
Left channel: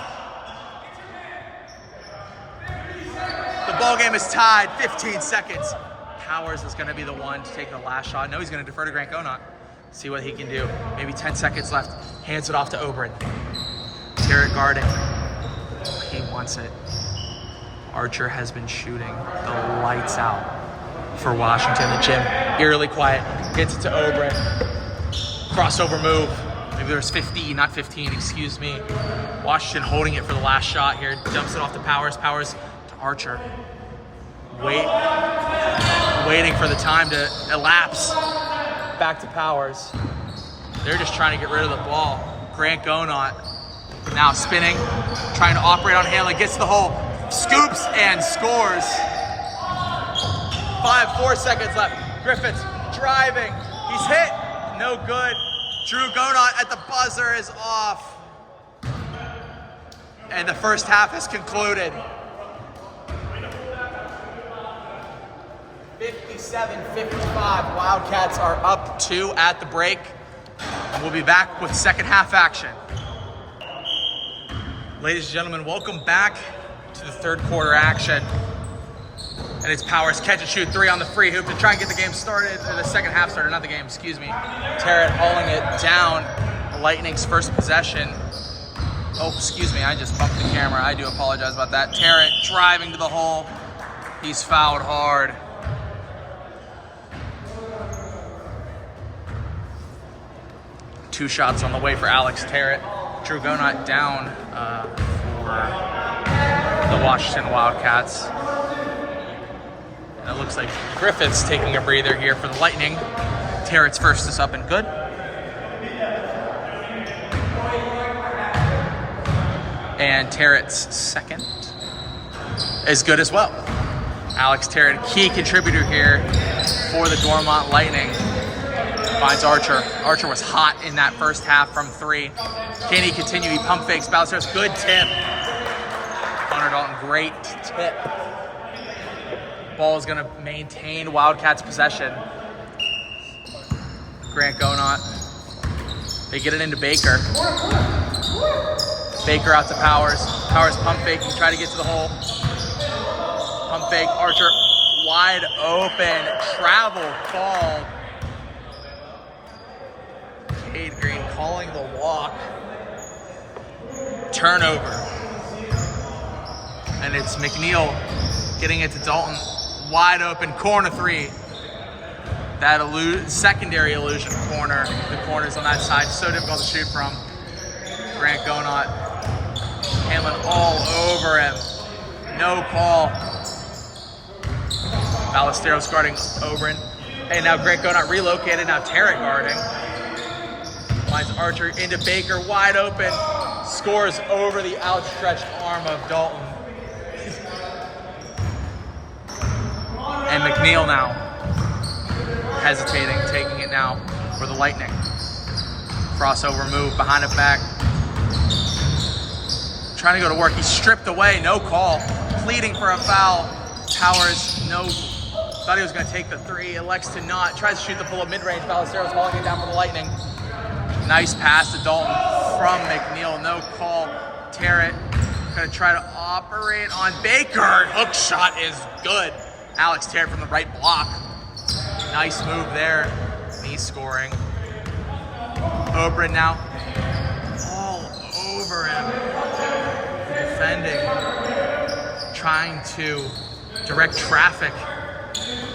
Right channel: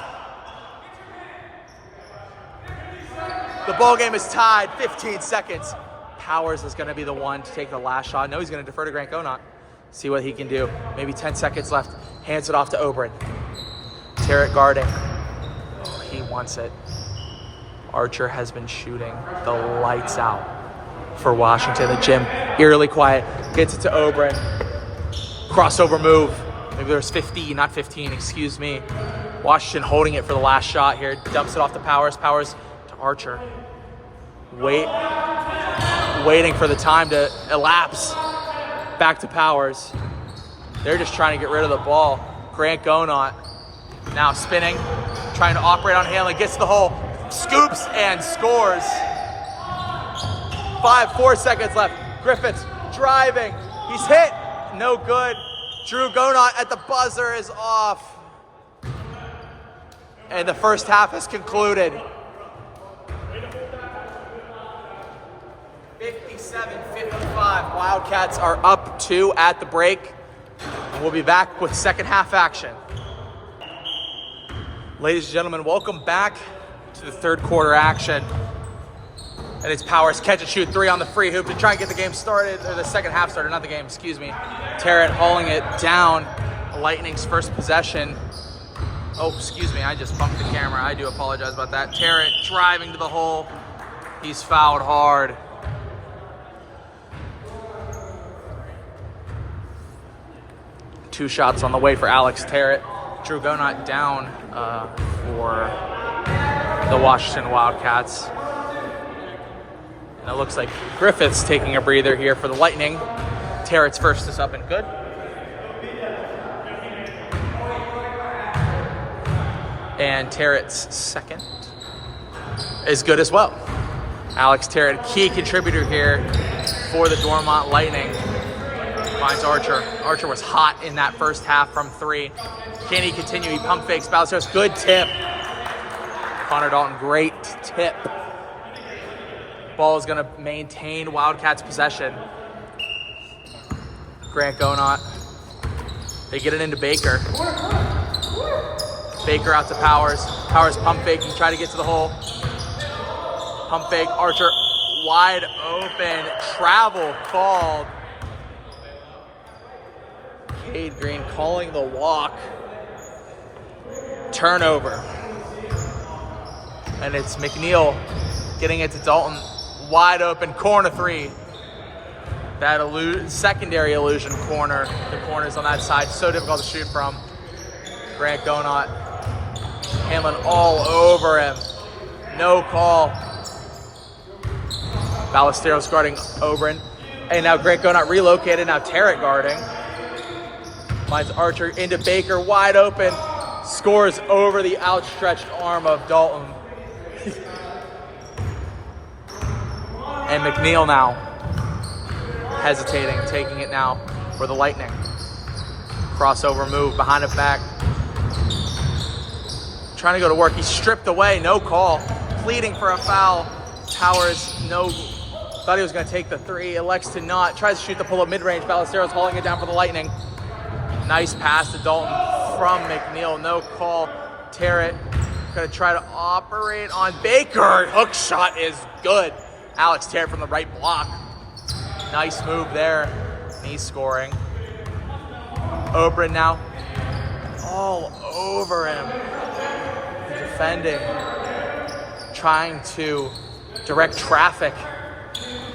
The ball game is tied, 15 seconds. Powers is gonna be the one to take the last shot. No, he's gonna defer to Grant Gonot. See what he can do. Maybe 10 seconds left. Hands it off to Oberon. Terrett guarding. He wants it. Archer has been shooting the lights out for Washington. The gym, eerily quiet. Gets it to Oberon. Crossover move. Maybe there's 15, not 15, excuse me. Washington holding it for the last shot here. Dumps it off to Powers. Powers to Archer. Waiting for the time to elapse. Back to Powers. They're just trying to get rid of the ball. Grant Gonot now spinning, trying to operate on Hanlon, gets to the hole, scoops and scores. 4 seconds left. Griffiths driving. He's hit. No good. Drew Gonot at the buzzer is off. And the first half has concluded. 57-55. Wildcats are up 2 at the break. And we'll be back with second half action. Ladies and gentlemen, welcome back to the third quarter action. And it's Powers catch and shoot 3 on the free hoop to try and get the game started, or the second half started, not the game, excuse me. Terrett hauling it down. Lightning's first possession. Oh, excuse me, I just bumped the camera. I do apologize about that. Terrett driving to the hole. He's fouled hard. Two shots on the way for Alex Terrett. Drew Gonot down for the Washington Wildcats. And it looks like Griffiths taking a breather here for the Lightning. Terrett's first is up and good. And Terrett's second is good as well. Alex Terrett, key contributor here for the Dormont Lightning. Finds Archer. Archer was hot in that first half from 3. Can he continue? He pump fakes, bounces. Good tip. Connor Dalton, great tip. Ball is going to maintain Wildcats possession. Grant Gonot. They get it into Baker. Baker out to Powers. Powers pump faking, try to get to the hole. Pump fake, Archer wide open. Travel called. Cade Green calling the walk. Turnover. And it's McNeil getting it to Dalton. Wide open, corner 3. That secondary illusion corner. The corners on that side, so difficult to shoot from. Grant Gonot. Hanlon all over him. No call. Ballesteros guarding Oberon. And now Grant Gonot relocated. Now Terrett guarding. Finds Archer into Baker, wide open. Scores over the outstretched arm of Dalton. And McNeil now hesitating, taking it now for the Lightning. Crossover move behind the back. Trying to go to work. He's stripped away. No call. Pleading for a foul. Powers, no. Thought he was going to take the 3. Elects to not. Tries to shoot the pull-up mid-range. Ballesteros hauling it down for the Lightning. Nice pass to Dalton from McNeil. No call. Terrett going to try to operate on Baker. Hook shot is good. Alex Terrett from the right block. Nice move there. He's scoring. Oberon now all over him. Defending. Trying to direct traffic.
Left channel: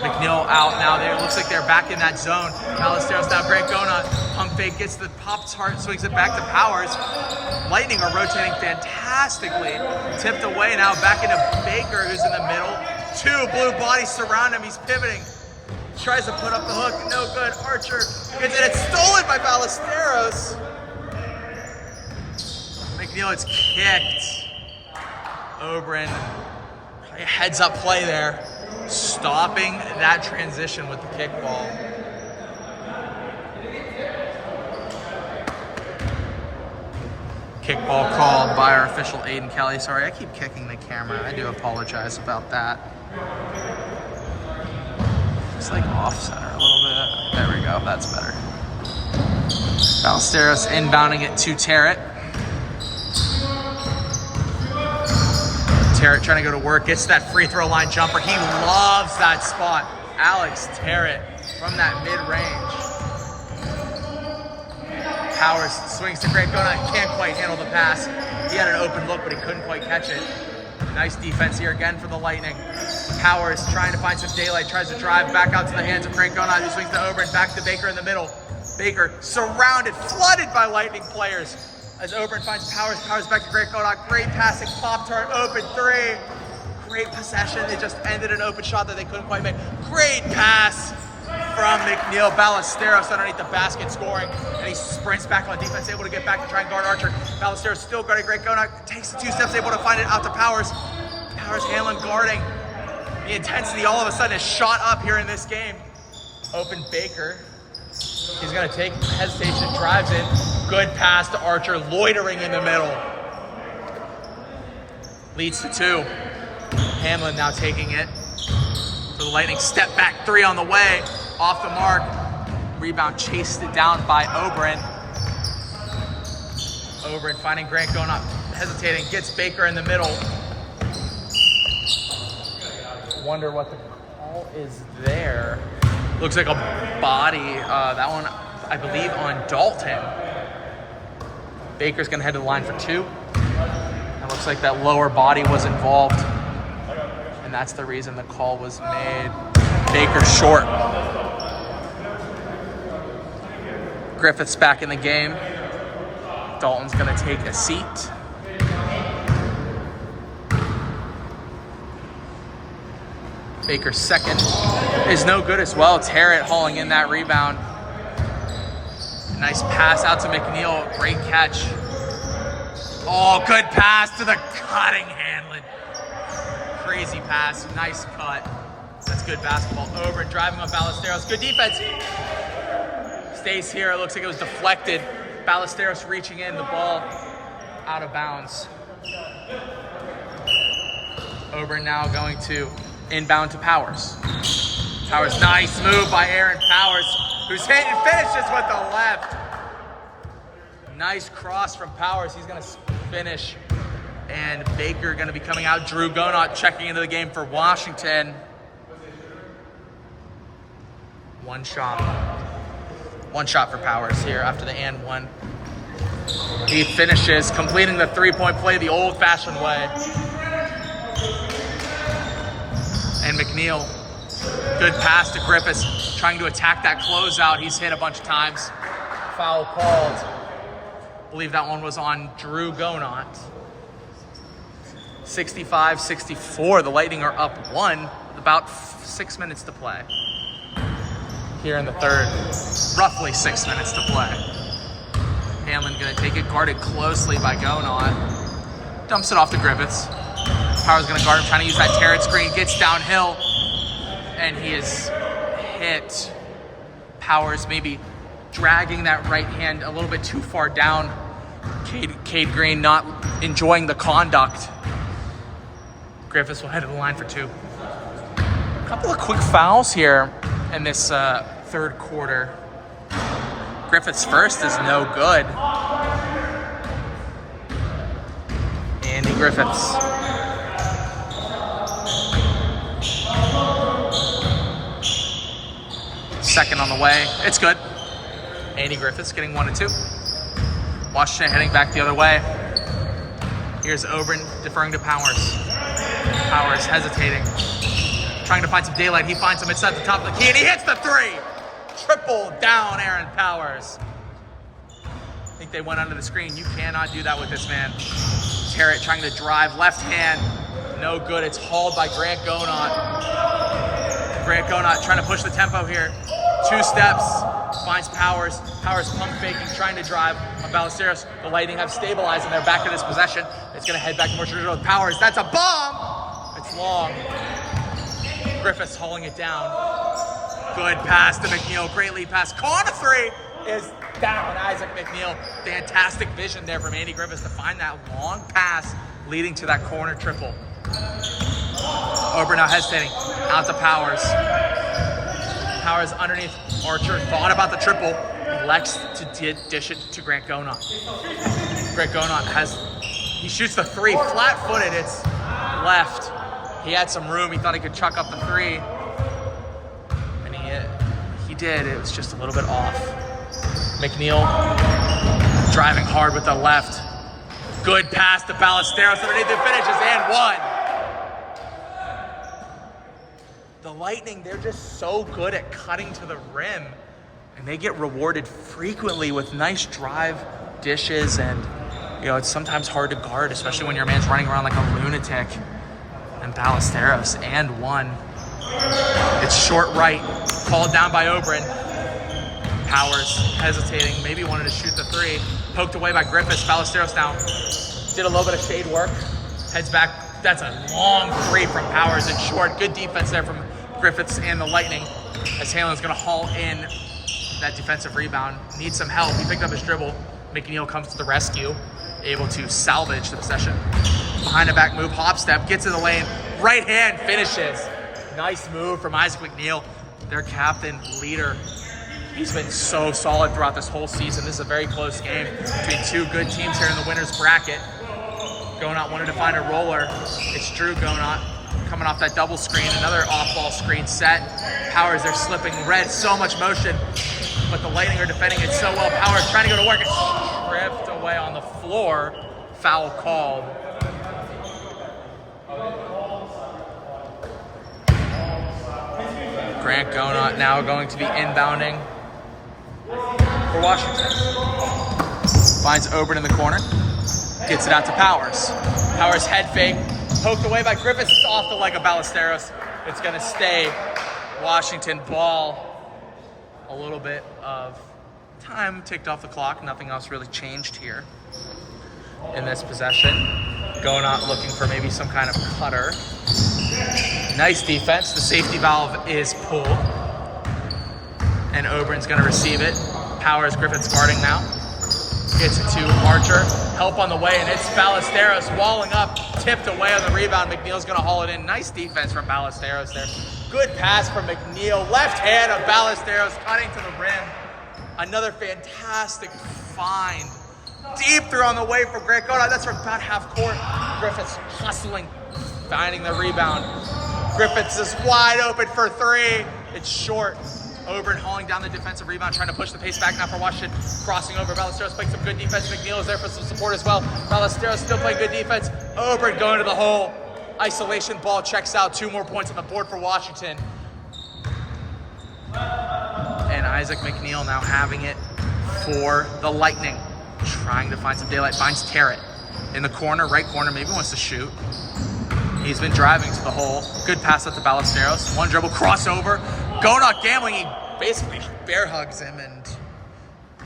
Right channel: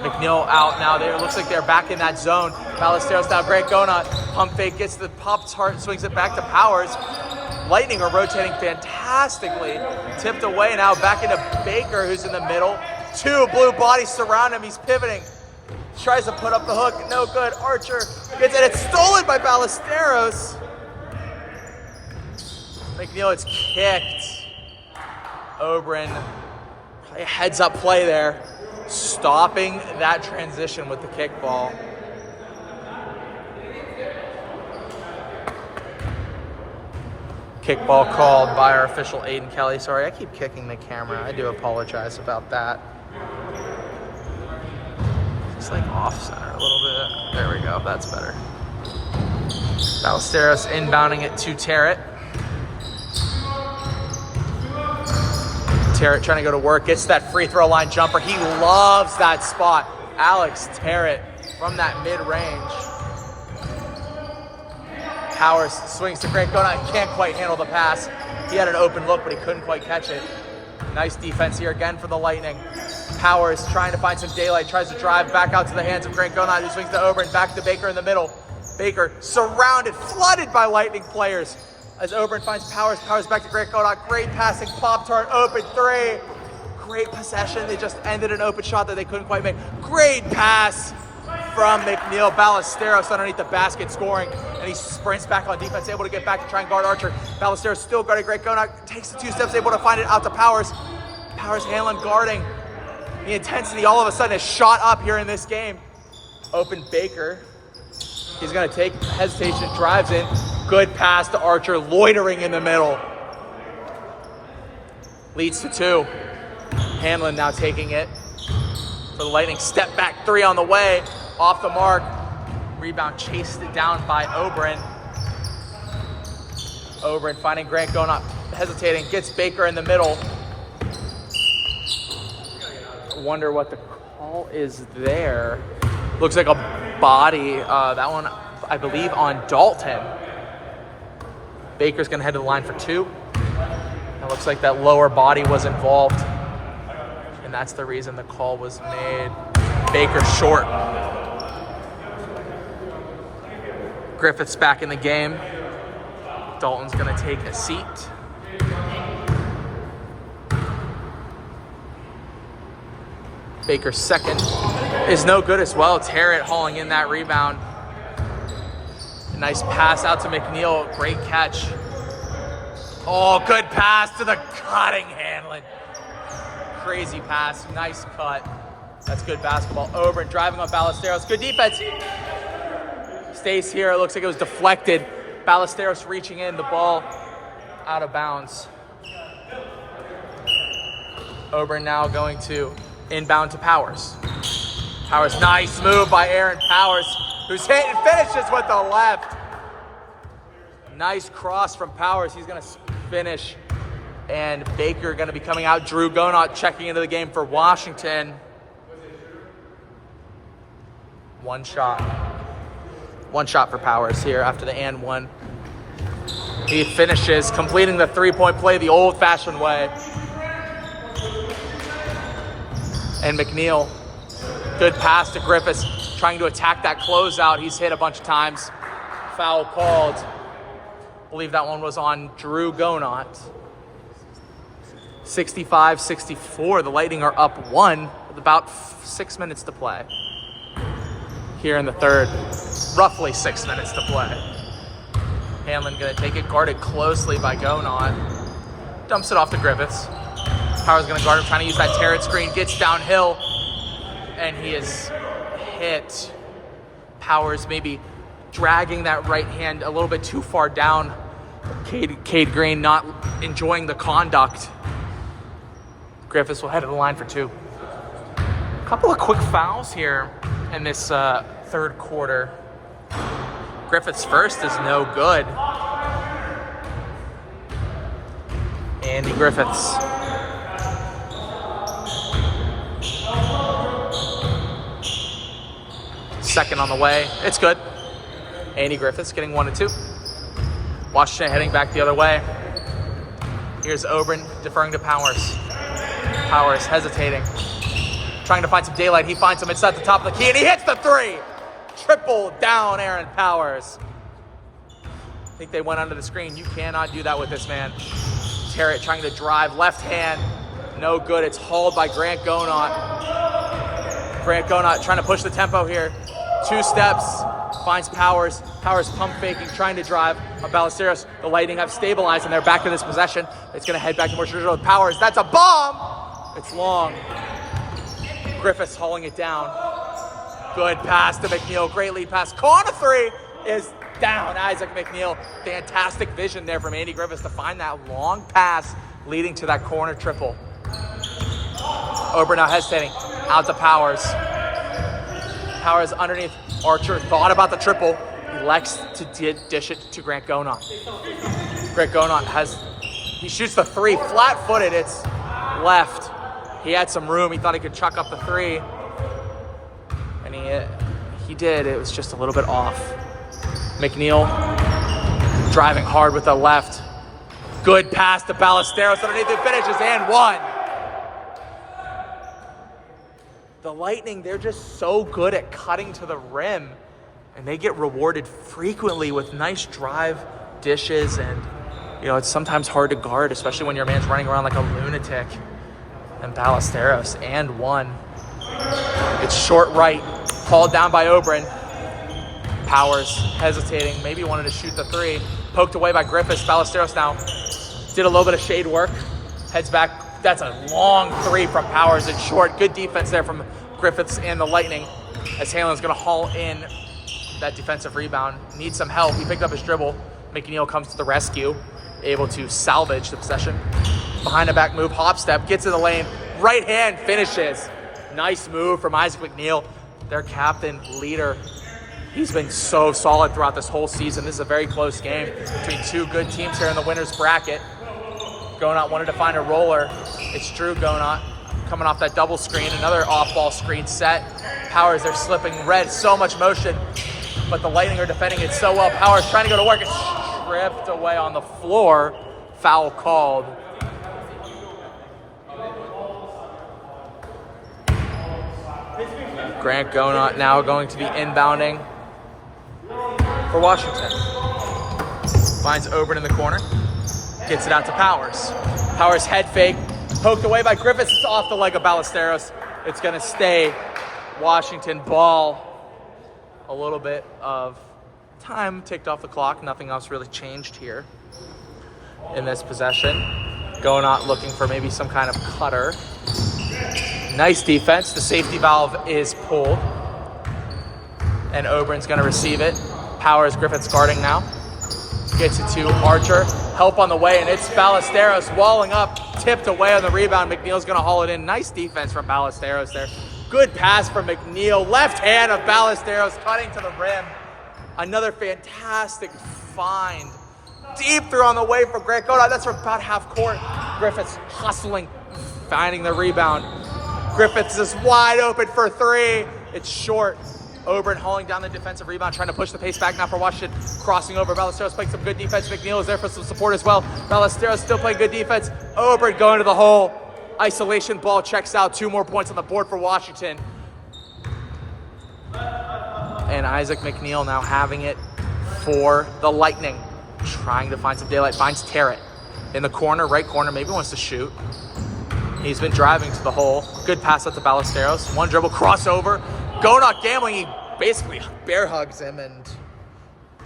McNeil out now. It looks like they're back in that zone. Ballesteros now, Greg Gona, pump fake, gets the pop tart, swings it back to Powers. Lightning are rotating fantastically. Tipped away now, back into Baker, who's in the middle. Two blue bodies surround him, he's pivoting. Tries to put up the hook, no good. Archer gets it, it's stolen by Ballesteros. McNeil, it's kicked. Oberon, heads up play there. Stopping that transition with the kickball. Kickball called by our official Aiden Kelly. Sorry, I keep kicking the camera. I do apologize about that. It's like off center a little bit. There we go, that's better. Ballesteros inbounding it to Terrett. Terrett trying to go to work, gets that free throw line jumper. He loves that spot. Alex Terrett from that mid-range. Powers swings to Greg Gona, can't quite handle the pass. He had an open look, but he couldn't quite catch it. Nice defense here again for the Lightning. Powers trying to find some daylight, tries to drive back out to the hands of Greg Gona. He swings to Oberon, back to Baker in the middle. Baker surrounded, flooded by Lightning players. As Oberon finds Powers, Powers back to Greg Gona. Great passing, Pop-Tart, open three. Great possession. It just ended an open shot that they couldn't quite make. Great pass from McNeil. Ballesteros underneath the basket scoring. And he sprints back on defense, able to get back to try and guard Archer. Ballesteros still guarding Greg Gona. Takes the 2 steps, able to find it out to Powers. Powers handling, guarding. The intensity all of a sudden has shot up here in this game. Open Baker. He's going to take hesitation, drives in. Good pass to Archer, loitering in the middle. Leads to 2. Hanlon now taking it. For the Lightning, step back 3 on the way. Off the mark. Rebound chased it down by Oberon. Oberon finding Grant Gona, hesitating, gets Baker in the middle. Wonder what the call is there. Looks like a body. That one, I believe, on Dalton. Baker's gonna head to the line for 2. It looks like that lower body was involved. And that's the reason the call was made. Baker short. Griffith's back in the game. Dalton's gonna take a seat. Baker's second is no good as well. Terrett hauling in that rebound. Nice pass out to McNeil. Great catch. Oh, good pass to the cutting Hanlon. Crazy pass. Nice cut. That's good basketball. Over and driving on Ballesteros. Good defense. Stays here. It looks like it was deflected. Ballesteros reaching in. The ball out of bounds. Oberon now going to inbound to Powers. Powers, nice move by Aaron Powers, who's hit and finishes with the left. Nice cross from Powers. He's going to finish. And Baker going to be coming out. Drew Gonot checking into the game for Washington. One shot for Powers here after the and one. He finishes, completing the three-point play the old-fashioned way. And McNeil, good pass to Griffiths, trying to attack that closeout. He's hit a bunch of times. Foul called. I believe that one was on Drew Gonot. 65-64. The Lightning are up 1 with about 6 minutes to play. Here in the third, roughly 6 minutes to play. Hanlon gonna take it, guarded closely by Gonot. Dumps it off to Griffiths. Powers gonna guard him, trying to use that Terrett screen, gets downhill, and he is hit. Powers maybe dragging that right hand a little bit too far down. Cade Green not enjoying the conduct. Griffiths will head to the line for 2. A couple of quick fouls here in this third quarter. Griffiths' first is no good. Andy Griffiths. Second on the way. It's good. Andy Griffiths getting 1 and 2. Washington heading back the other way. Here's Oberon deferring to Powers. Powers hesitating. trying to find some daylight. He finds him inside the top of the key, and he hits the three. Triple down Aaron Powers. I think they went under the screen. You cannot do that with this man. Carrot trying to drive, left hand. No good. It's hauled by Grant Gonot. Grant Gonot trying to push the tempo here. 2 steps, finds Powers. Powers pump faking, trying to drive on Ballesteros. The Lightning have stabilized, and they're back to this possession. It's going to head back to Motion Road. Powers, that's a bomb! It's long. Griffiths hauling it down. Good pass to McNeil. Great lead pass. Corner 3 is down. Isaac McNeil. Fantastic vision there from Andy Griffiths to find that long pass leading to that corner triple. Ober now hesitating. Out to Powers. Powers underneath Archer. Thought about the triple. Elects to dish it to Grant Gonot. Grant Gonot he shoots the 3. Flat-footed. It's left. He had some room. He thought he could chuck up the 3. And he did. It was just a little bit off. McNeil driving hard with the left. Good pass to Ballesteros underneath the finishes and 1. The Lightning, they're just so good at cutting to the rim, and they get rewarded frequently with nice drive dishes, and it's sometimes hard to guard, especially when your man's running around like a lunatic. And Ballesteros and 1. It's short right, hauled down by Oberon. Powers hesitating, maybe wanted to shoot the 3. Poked away by Griffiths. Ballesteros now did a little bit of shade work. Heads back. That's a long 3 from Powers and short. Good defense there from Griffiths and the Lightning. As Hanlon's going to haul in that defensive rebound. Needs some help. He picked up his dribble. McNeil comes to the rescue. Able to salvage the possession. Behind the back move, hop step, gets in the lane. Right hand finishes. Nice move from Isaac McNeil, their captain, leader. He's been so solid throughout this whole season. This is a very close game between 2 good teams here in the winner's bracket. Gonot wanted to find a roller. It's Drew Gonot coming off that double screen. Another off-ball screen set. Powers, they're slipping red. So much motion. But the Lightning are defending it so well. Powers trying to go to work. It's stripped away on the floor. Foul called. Grant Gonot now going to be inbounding for Washington. Finds Oberon in the corner. Gets it out to Powers. Powers head fake. Poked away by Griffiths. It's off the leg of Ballesteros. It's going to stay Washington ball. A little bit of time ticked off the clock. Nothing else really changed here in this possession. Gonot looking for maybe some kind of cutter. Nice defense. The safety valve is pulled. And Oberon's going to receive it. Powers, Griffiths guarding now. Gets it to Archer. Help on the way, and it's Ballesteros walling up. Tipped away on the rebound. McNeil's going to haul it in. Nice defense from Ballesteros there. Good pass from McNeil. Left hand of Ballesteros cutting to the rim. Another fantastic find. Deep through on the way for Grant Gonot. That's from about half court. Griffiths hustling, finding the rebound. Griffiths is wide open for 3. It's short. Oberon hauling down the defensive rebound, trying to push the pace back now for Washington. Crossing over. Ballesteros playing some good defense. McNeil is there for some support as well. Ballesteros still playing good defense. Oberon going to the hole. Isolation ball checks out. 2 more points on the board for Washington. And Isaac McNeil now having it for the Lightning. Trying to find some daylight. Finds Terrett in the corner, right corner. Maybe wants to shoot. He's been driving to the hole. Good pass out to Ballesteros. 1 dribble, crossover. Gonot gambling. He basically bear hugs him, and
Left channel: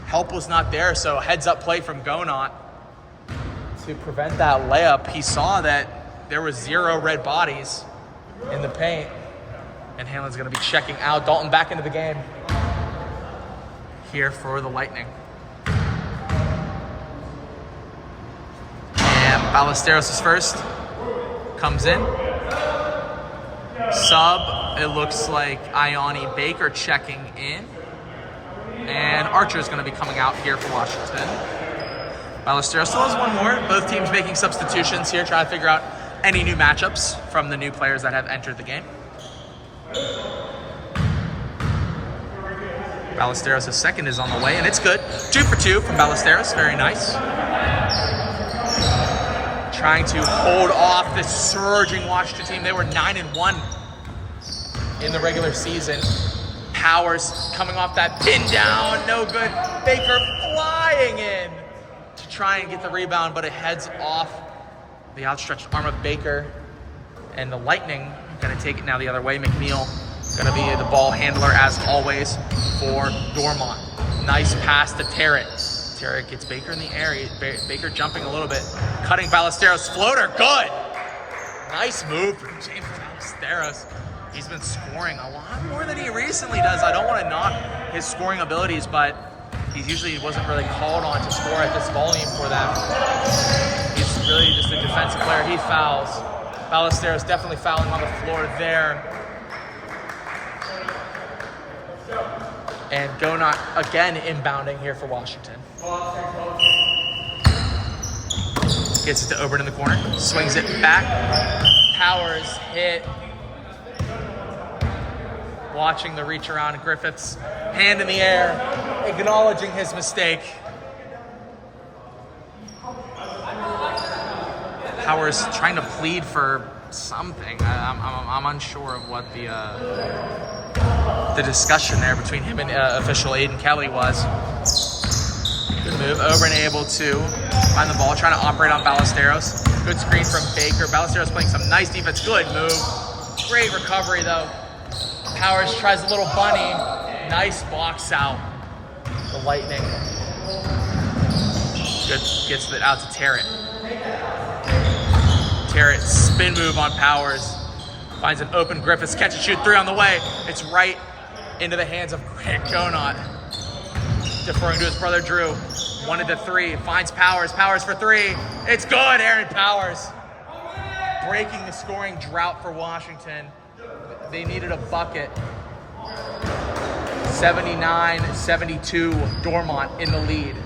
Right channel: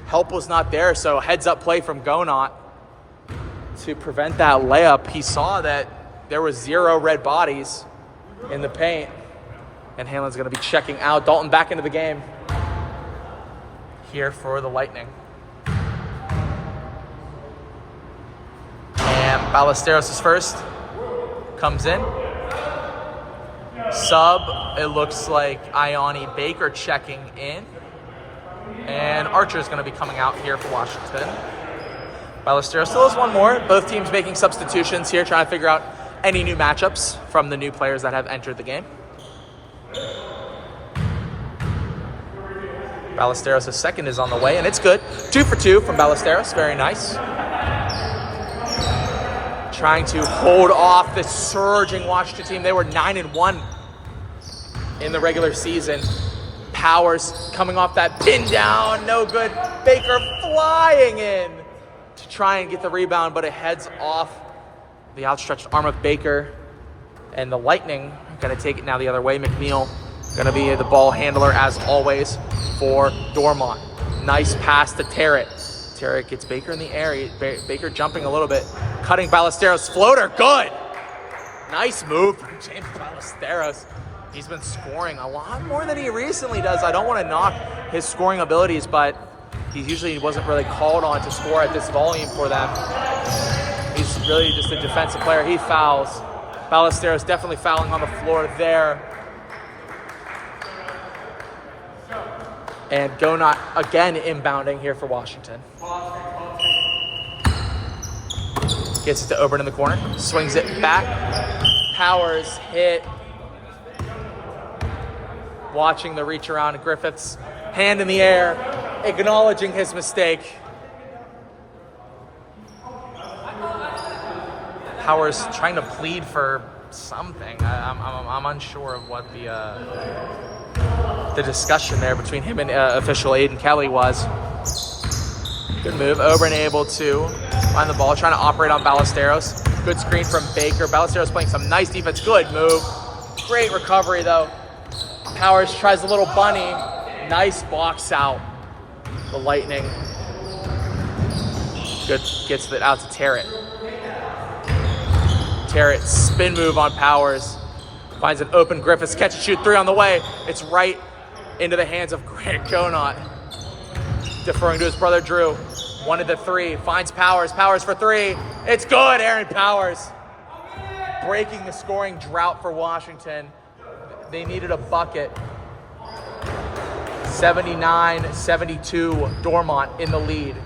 help was not there. So heads up play from Gonot to prevent that layup. He saw that there was 0 red bodies in the paint, and Hanlon's going to be checking out. Dalton back into the game here for the Lightning. And Ballesteros is first. Comes in. Sub, it looks like Ioni Baker checking in. And Archer is going to be coming out here for Washington. Ballesteros still has 1 more. Both teams making substitutions here, trying to figure out any new matchups from the new players that have entered the game. Ballesteros' second is on the way, and it's good. 2 for 2 from Ballesteros. Very nice. Trying to hold off this surging Washington team. They were 9-1 in the regular season. Powers coming off that pin down, no good. Baker flying in to try and get the rebound, but it heads off the outstretched arm of Baker. And the Lightning gonna take it now the other way. McNeil gonna be the ball handler as always for Dormont. Nice pass to Terrett. Terrett gets Baker in the air. Baker jumping a little bit. Cutting Ballesteros. Floater, good! Nice move from James Ballesteros. He's been scoring a lot more than he recently does. I don't want to knock his scoring abilities, but he usually wasn't really called on to score at this volume for them. He's really just a defensive player. He fouls. Ballesteros definitely fouling on the floor there. And Donut again inbounding here for Washington. Gets it to Oberyn in the corner. Swings it back. Powers hit. Watching the reach around. Griffiths. Hand in the air. Acknowledging his mistake. Powers trying to plead for something. I'm unsure of what the discussion there between him and official Aiden Kelly was. Good move. Oberyn able to find the ball, trying to operate on Ballesteros. Good screen from Baker. Ballesteros playing some nice defense. Good move. Great recovery though. Powers tries a little bunny. Nice box out. The Lightning. Good, gets it out to Terrett. Terrett spin move on Powers. Finds an open Griffiths. Catch and shoot 3 on the way. It's right into the hands of Grant Donut. Deferring to his brother Drew. 1-3. Finds Powers. Powers for 3. It's good. Aaron Powers. Breaking the scoring drought for Washington. They needed a bucket. 79-72. Dormont in the lead.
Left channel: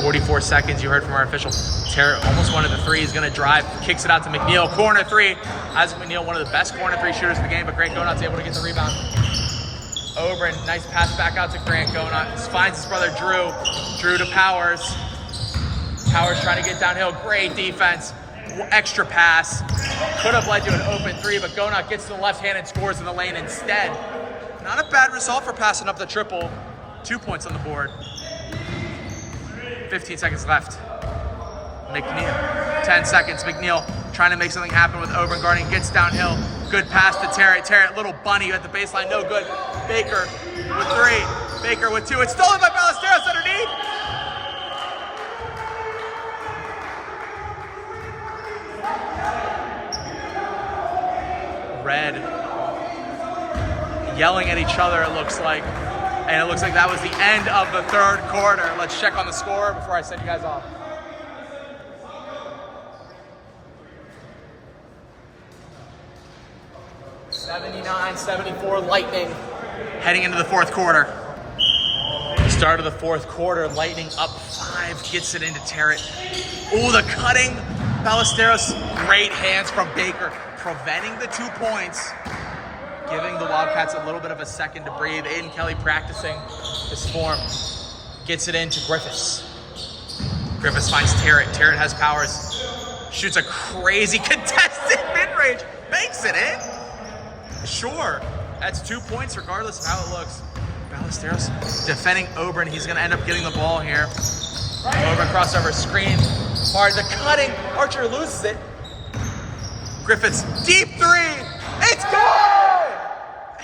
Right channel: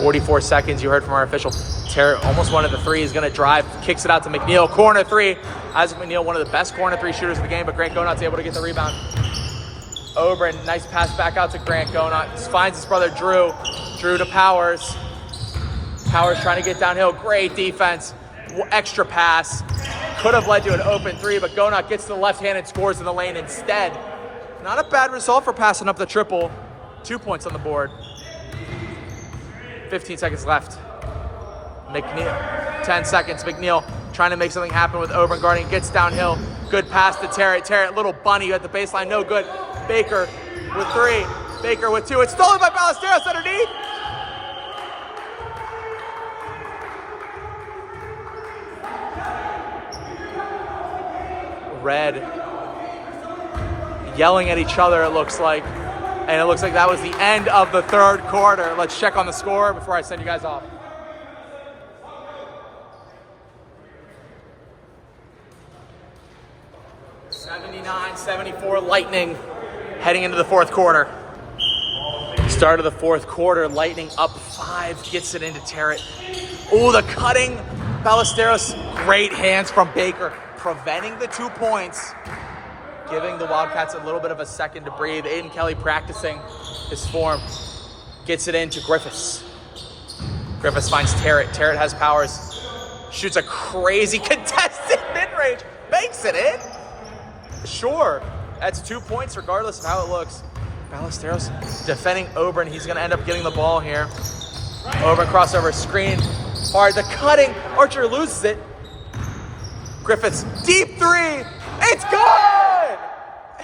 44 seconds, you heard from our official. Terrett almost 1-3. He's going to drive, kicks it out to McNeil. Corner 3. Isaac McNeil, one of the best corner 3 shooters in the game, but Grant Donut's able to get the rebound. Oberyn, nice pass back out to Grant Donut. Finds his brother Drew. Drew to Powers. Powers trying to get downhill. Great defense. Extra pass. Could have led to an open 3, but Donut gets to the left hand and scores in the lane instead. Not a bad result for passing up the triple. 2 points on the board. 15 seconds left. McNeil, 10 seconds. McNeil trying to make something happen with Oberyn guarding. Gets downhill. Good pass to Terrett. Terrett, little bunny at the baseline. No good. Baker with 3. Baker with 2. It's stolen by Ballesteros underneath. Red yelling at each other, it looks like. And it looks like that was the end of the third quarter. Let's check on the score before I send you guys off. (79-74) Lightning heading into the fourth quarter. Start of the fourth quarter, Lightning up 5, gets it into Terrett. Oh, the cutting. Ballesteros, great hands from Baker, preventing the 2 points. Giving the Wildcats a little bit of a second to breathe. Aiden Kelly practicing his form. Gets it into Griffiths. Griffiths finds Terrett. Terrett has Powers. Shoots a crazy contested mid-range. Makes it in. Sure. That's 2 points regardless of how it looks. Ballesteros defending Oberyn. He's going to end up getting the ball here. Oberyn crossover screen. Hard. The cutting. Archer loses it. Griffiths. Deep 3. It's good!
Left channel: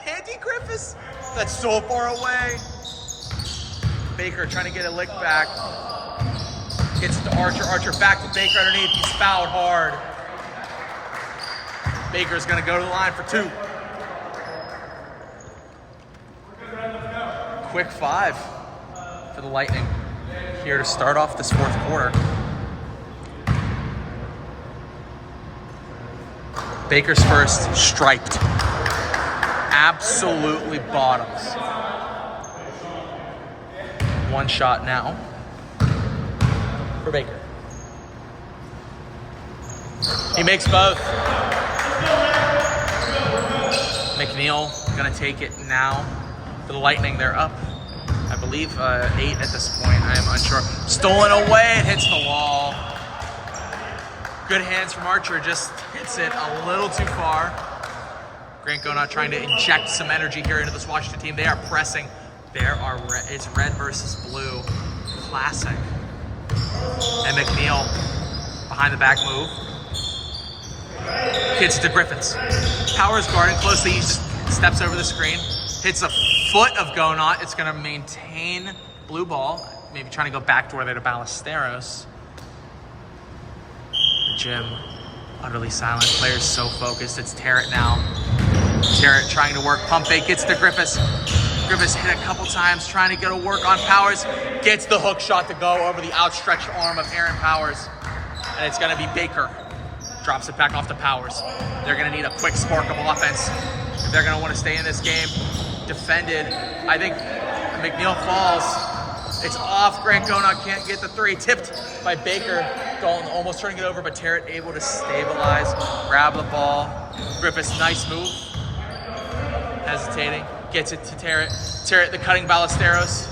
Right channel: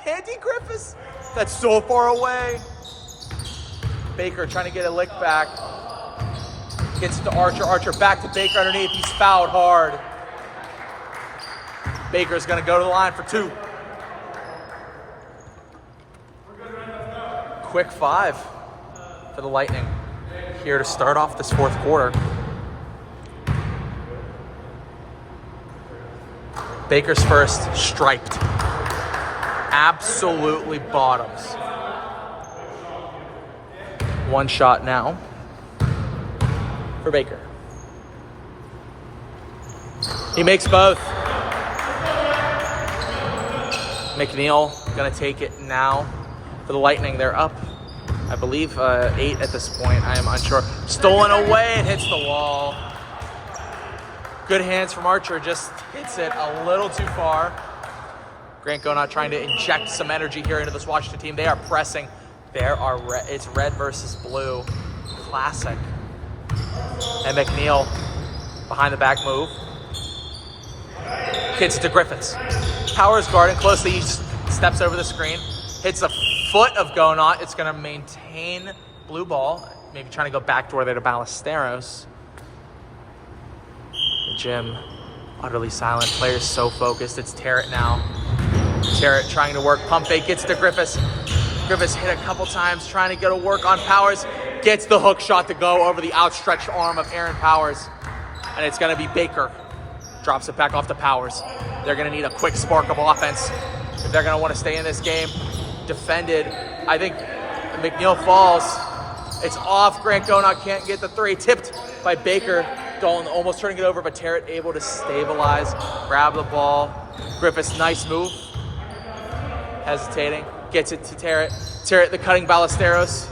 Andy Griffiths, that's so far away. Baker trying to get a lick back. Gets to Archer. Archer back to Baker underneath. He's fouled hard. Baker's going to go to the line for 2. Quick 5 for the Lightning here to start off this fourth quarter. Baker's first, striped. Absolutely bottoms. 1 shot now for Baker. He makes both. McNeil gonna take it now for the Lightning. They're up, I believe, 8 at this point. I am unsure. Stolen away, it hits the wall. Good hands from Archer, just hits it a little too far. Grant Gonot trying to inject some energy here into this Washington team. They are pressing. It's red versus blue. Classic. And McNeil behind the back move. Gets to Griffiths. Powers guarding closely. He steps over the screen. Hits a foot of Gonot. It's going to maintain blue ball. Maybe trying to go backdoor there to Ballesteros. The gym utterly silent. Players so focused. It's Terrett now. Terrett trying to work. Pump fake. Gets to Griffiths. Griffiths hit a couple times trying to get a work on Powers. Gets the hook shot to go over the outstretched arm of Aaron Powers. And it's going to be Baker. Drops it back off to Powers. They're going to need a quick spark of offense if they're going to want to stay in this game. Defended. I think McNeil falls. It's off. Grant Gonot can't get the three. Tipped by Baker. Dalton almost turning it over, but Terrett able to stabilize. Grab the ball. Griffiths, nice move. Hesitating. Gets it to Terrett. Terrett, the cutting Ballesteros.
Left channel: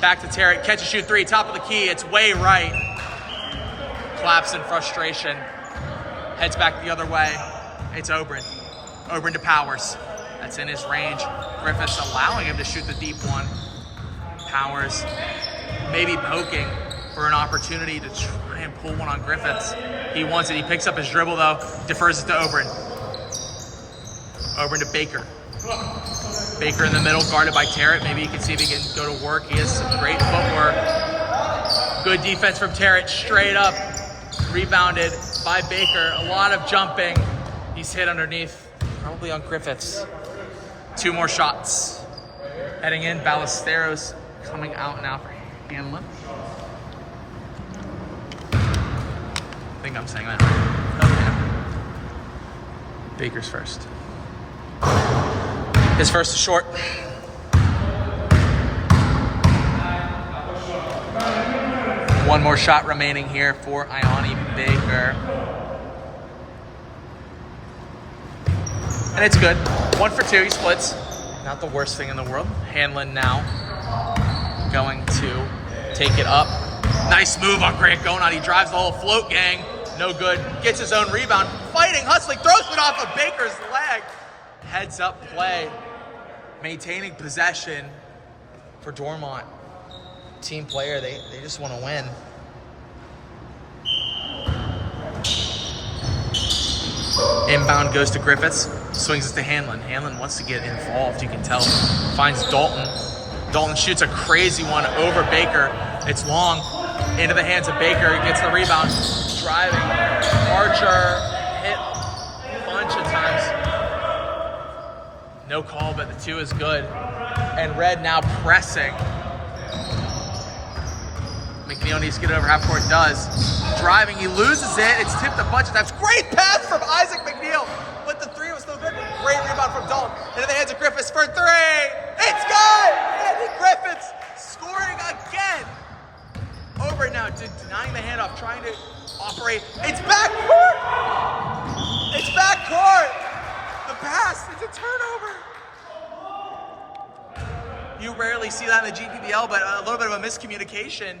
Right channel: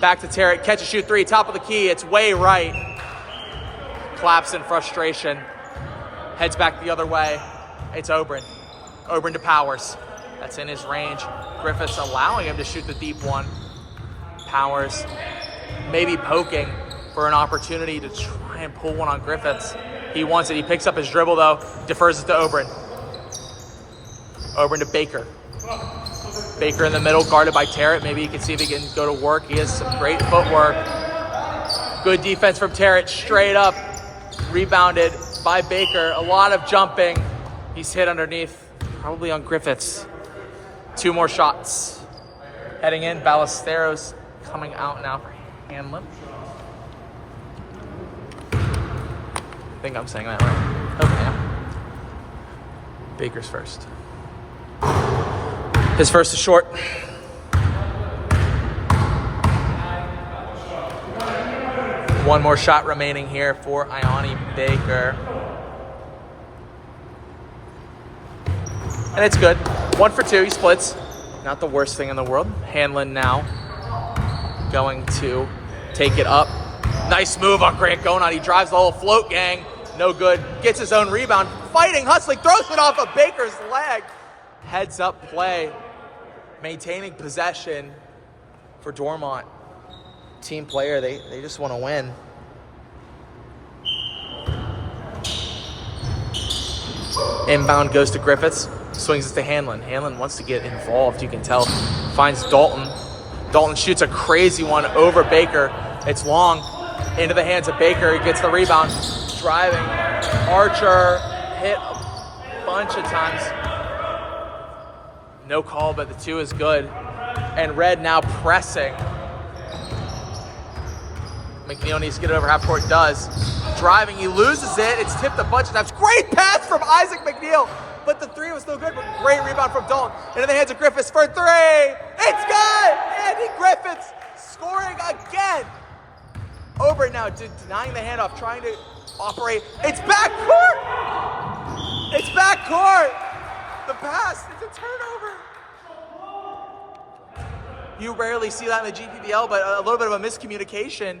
Back to Terrett. Catch and shoot three. Top of the key. It's way right. Claps in frustration. Heads back the other way. It's Oberon. Oberon to Powers. That's in his range. Griffiths allowing him to shoot the deep one. Powers maybe poking for an opportunity to try and pull one on Griffiths. He wants it. He picks up his dribble though. Defers it to Oberon. Oberon to Baker. Baker in the middle, guarded by Terrett. Maybe you can see if he can go to work. He has some great footwork. Good defense from Terrett. Straight up. Rebounded by Baker. A lot of jumping. He's hit underneath. Probably on Griffiths. Two more shots. Heading in, Ballesteros coming out now for Hanlon. I think I'm saying that right. Okay. Baker's first. His first is short. One more shot remaining here for Ioni Baker. And it's good. 1 for 2, he splits. Not the worst thing in the world. Hanlon now going to take it up. Nice move on Grant Gonot. He drives the whole float gang. No good. Gets his own rebound. Fighting, hustling, throws it off of Baker's leg. Heads up play. Maintaining possession for Dormont. Team player, they just want to win. Inbound goes to Griffiths. Swings it to Hanlon. Hanlon wants to get involved, you can tell. Finds Dalton. Dalton shoots a crazy one over Baker. It's long. Into the hands of Baker. He gets the rebound. Driving. Archer hit a bunch of times. No call, but the two is good. And Red now pressing. McNeil needs to get it over half court. Does. Driving. He loses it. It's tipped a bunch of times. Great pass from Isaac McNeil. But the three was still good. Great rebound from Dalton. Into the hands of Griffiths for three. It's good! Andy Griffiths scoring again. Over now, denying the handoff, trying to operate. It's backcourt! It's backcourt! The pass, it's a turnover. You rarely see that in the GPBL, but a little bit of a miscommunication.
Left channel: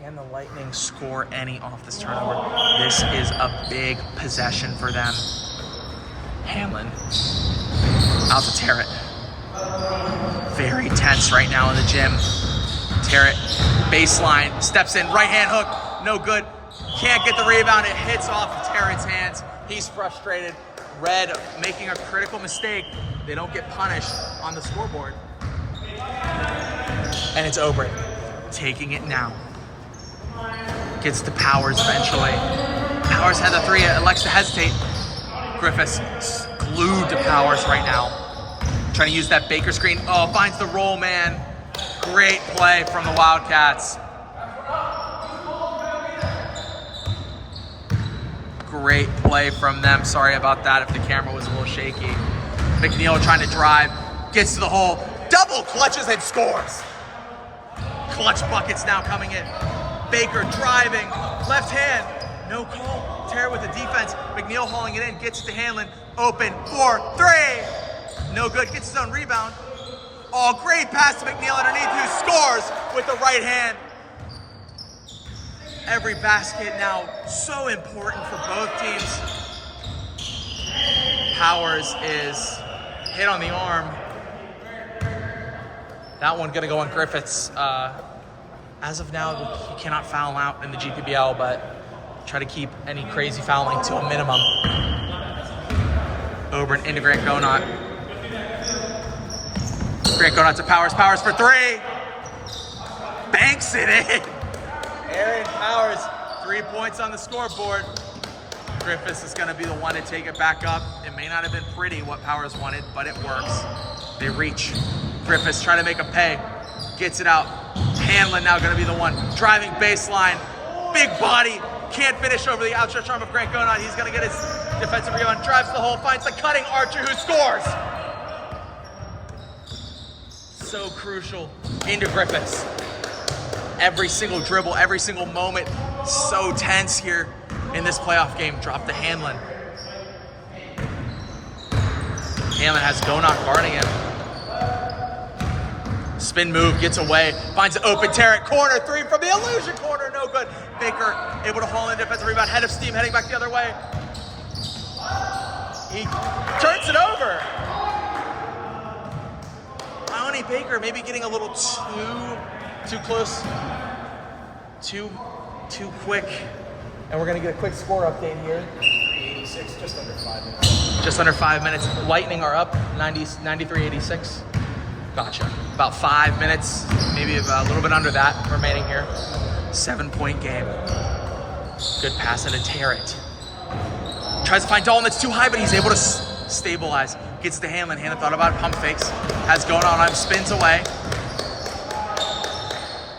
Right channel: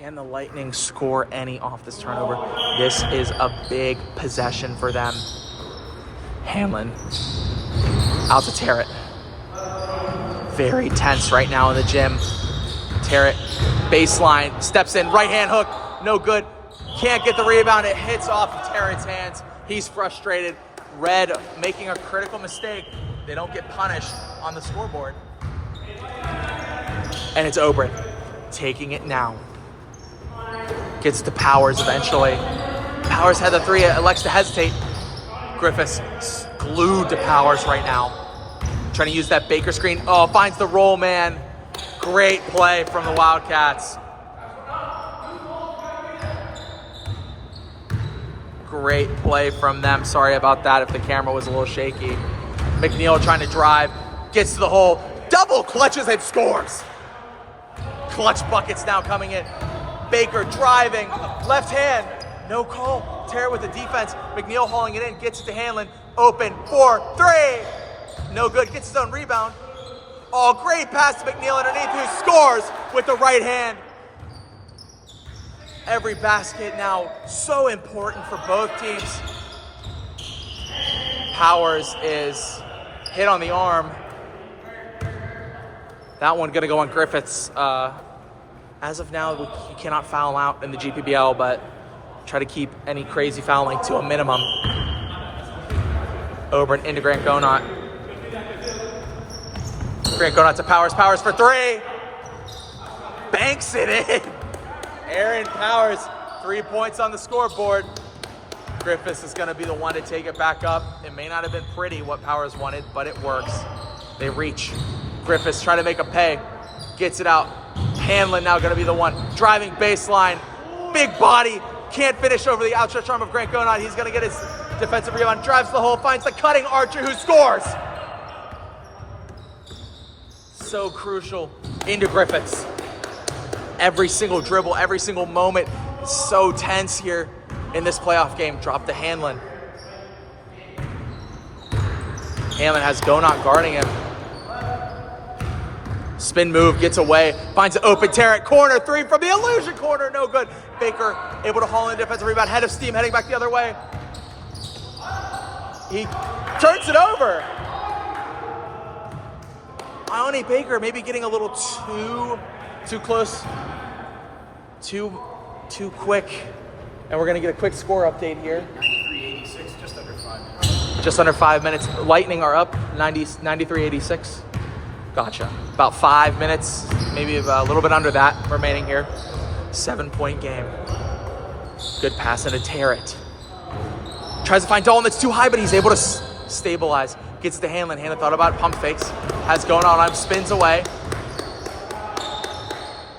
Can the Lightning score any off this turnover? This is a big possession for them. Hanlon out to Terrett. Very tense right now in the gym. Terrett, baseline, steps in, right hand hook, no good. Can't get the rebound, it hits off of Terrett's hands. He's frustrated. Red making a critical mistake. They don't get punished on the scoreboard. And it's Oberon taking it now. Gets to Powers eventually. Powers had the three, elects to hesitate. Griffiths glued to Powers right now. Trying to use that Baker screen. Oh, finds the roll man. Great play from the Wildcats. Great play from them. Sorry about that if the camera was a little shaky. McNeil trying to drive. Gets to the hole. Double clutches and scores. Clutch buckets now coming in. Baker driving. Left hand. No call. Terrett with the defense. McNeil hauling it in. Gets it to Hanlon. Open. 4-3. No good. Gets his own rebound. Oh, great pass to McNeil underneath, who scores with the right hand. Every basket now so important for both teams. Powers is hit on the arm. That one gonna go on Griffiths. As of now, he cannot foul out in the GPBL, but try to keep any crazy fouling to a minimum. Oberon into Grant Gonot. Grant Gonot to Powers. Powers for three. Banks it in. Aaron Powers, 3 points on the scoreboard. Griffiths is going to be the one to take it back up. It may not have been pretty what Powers wanted, but it works. They reach. Griffiths trying to make a pay. Gets it out. Hanlon now going to be the one. Driving baseline. Big body. Can't finish over the outstretched arm of Grant Gonot. He's going to get his defensive rebound. Drives the hole. Finds the cutting Archer who scores. So crucial into Griffiths. Every single dribble, every single moment, so tense here in this playoff game. Drop to Hanlon. Hanlon has Gonot guarding him. Spin move, gets away, finds an open Tarrant corner, three from the illusion corner, no good. Baker able to haul in defensive rebound, head of steam, heading back the other way. He turns it over. Ione Baker maybe getting a little too close, too quick. And we're gonna get a quick score update here. 86, just under 5 minutes. Just under 5 minutes. Lightning are up 93-86. Gotcha. About 5 minutes, maybe a little bit under that remaining here. 7-point game. Good pass into Tarrant. Tries to find Dalton, it's too high, but he's able to stabilize. Gets to Hanlon. Hanlon thought about it, pump fakes. Has going on, spins away.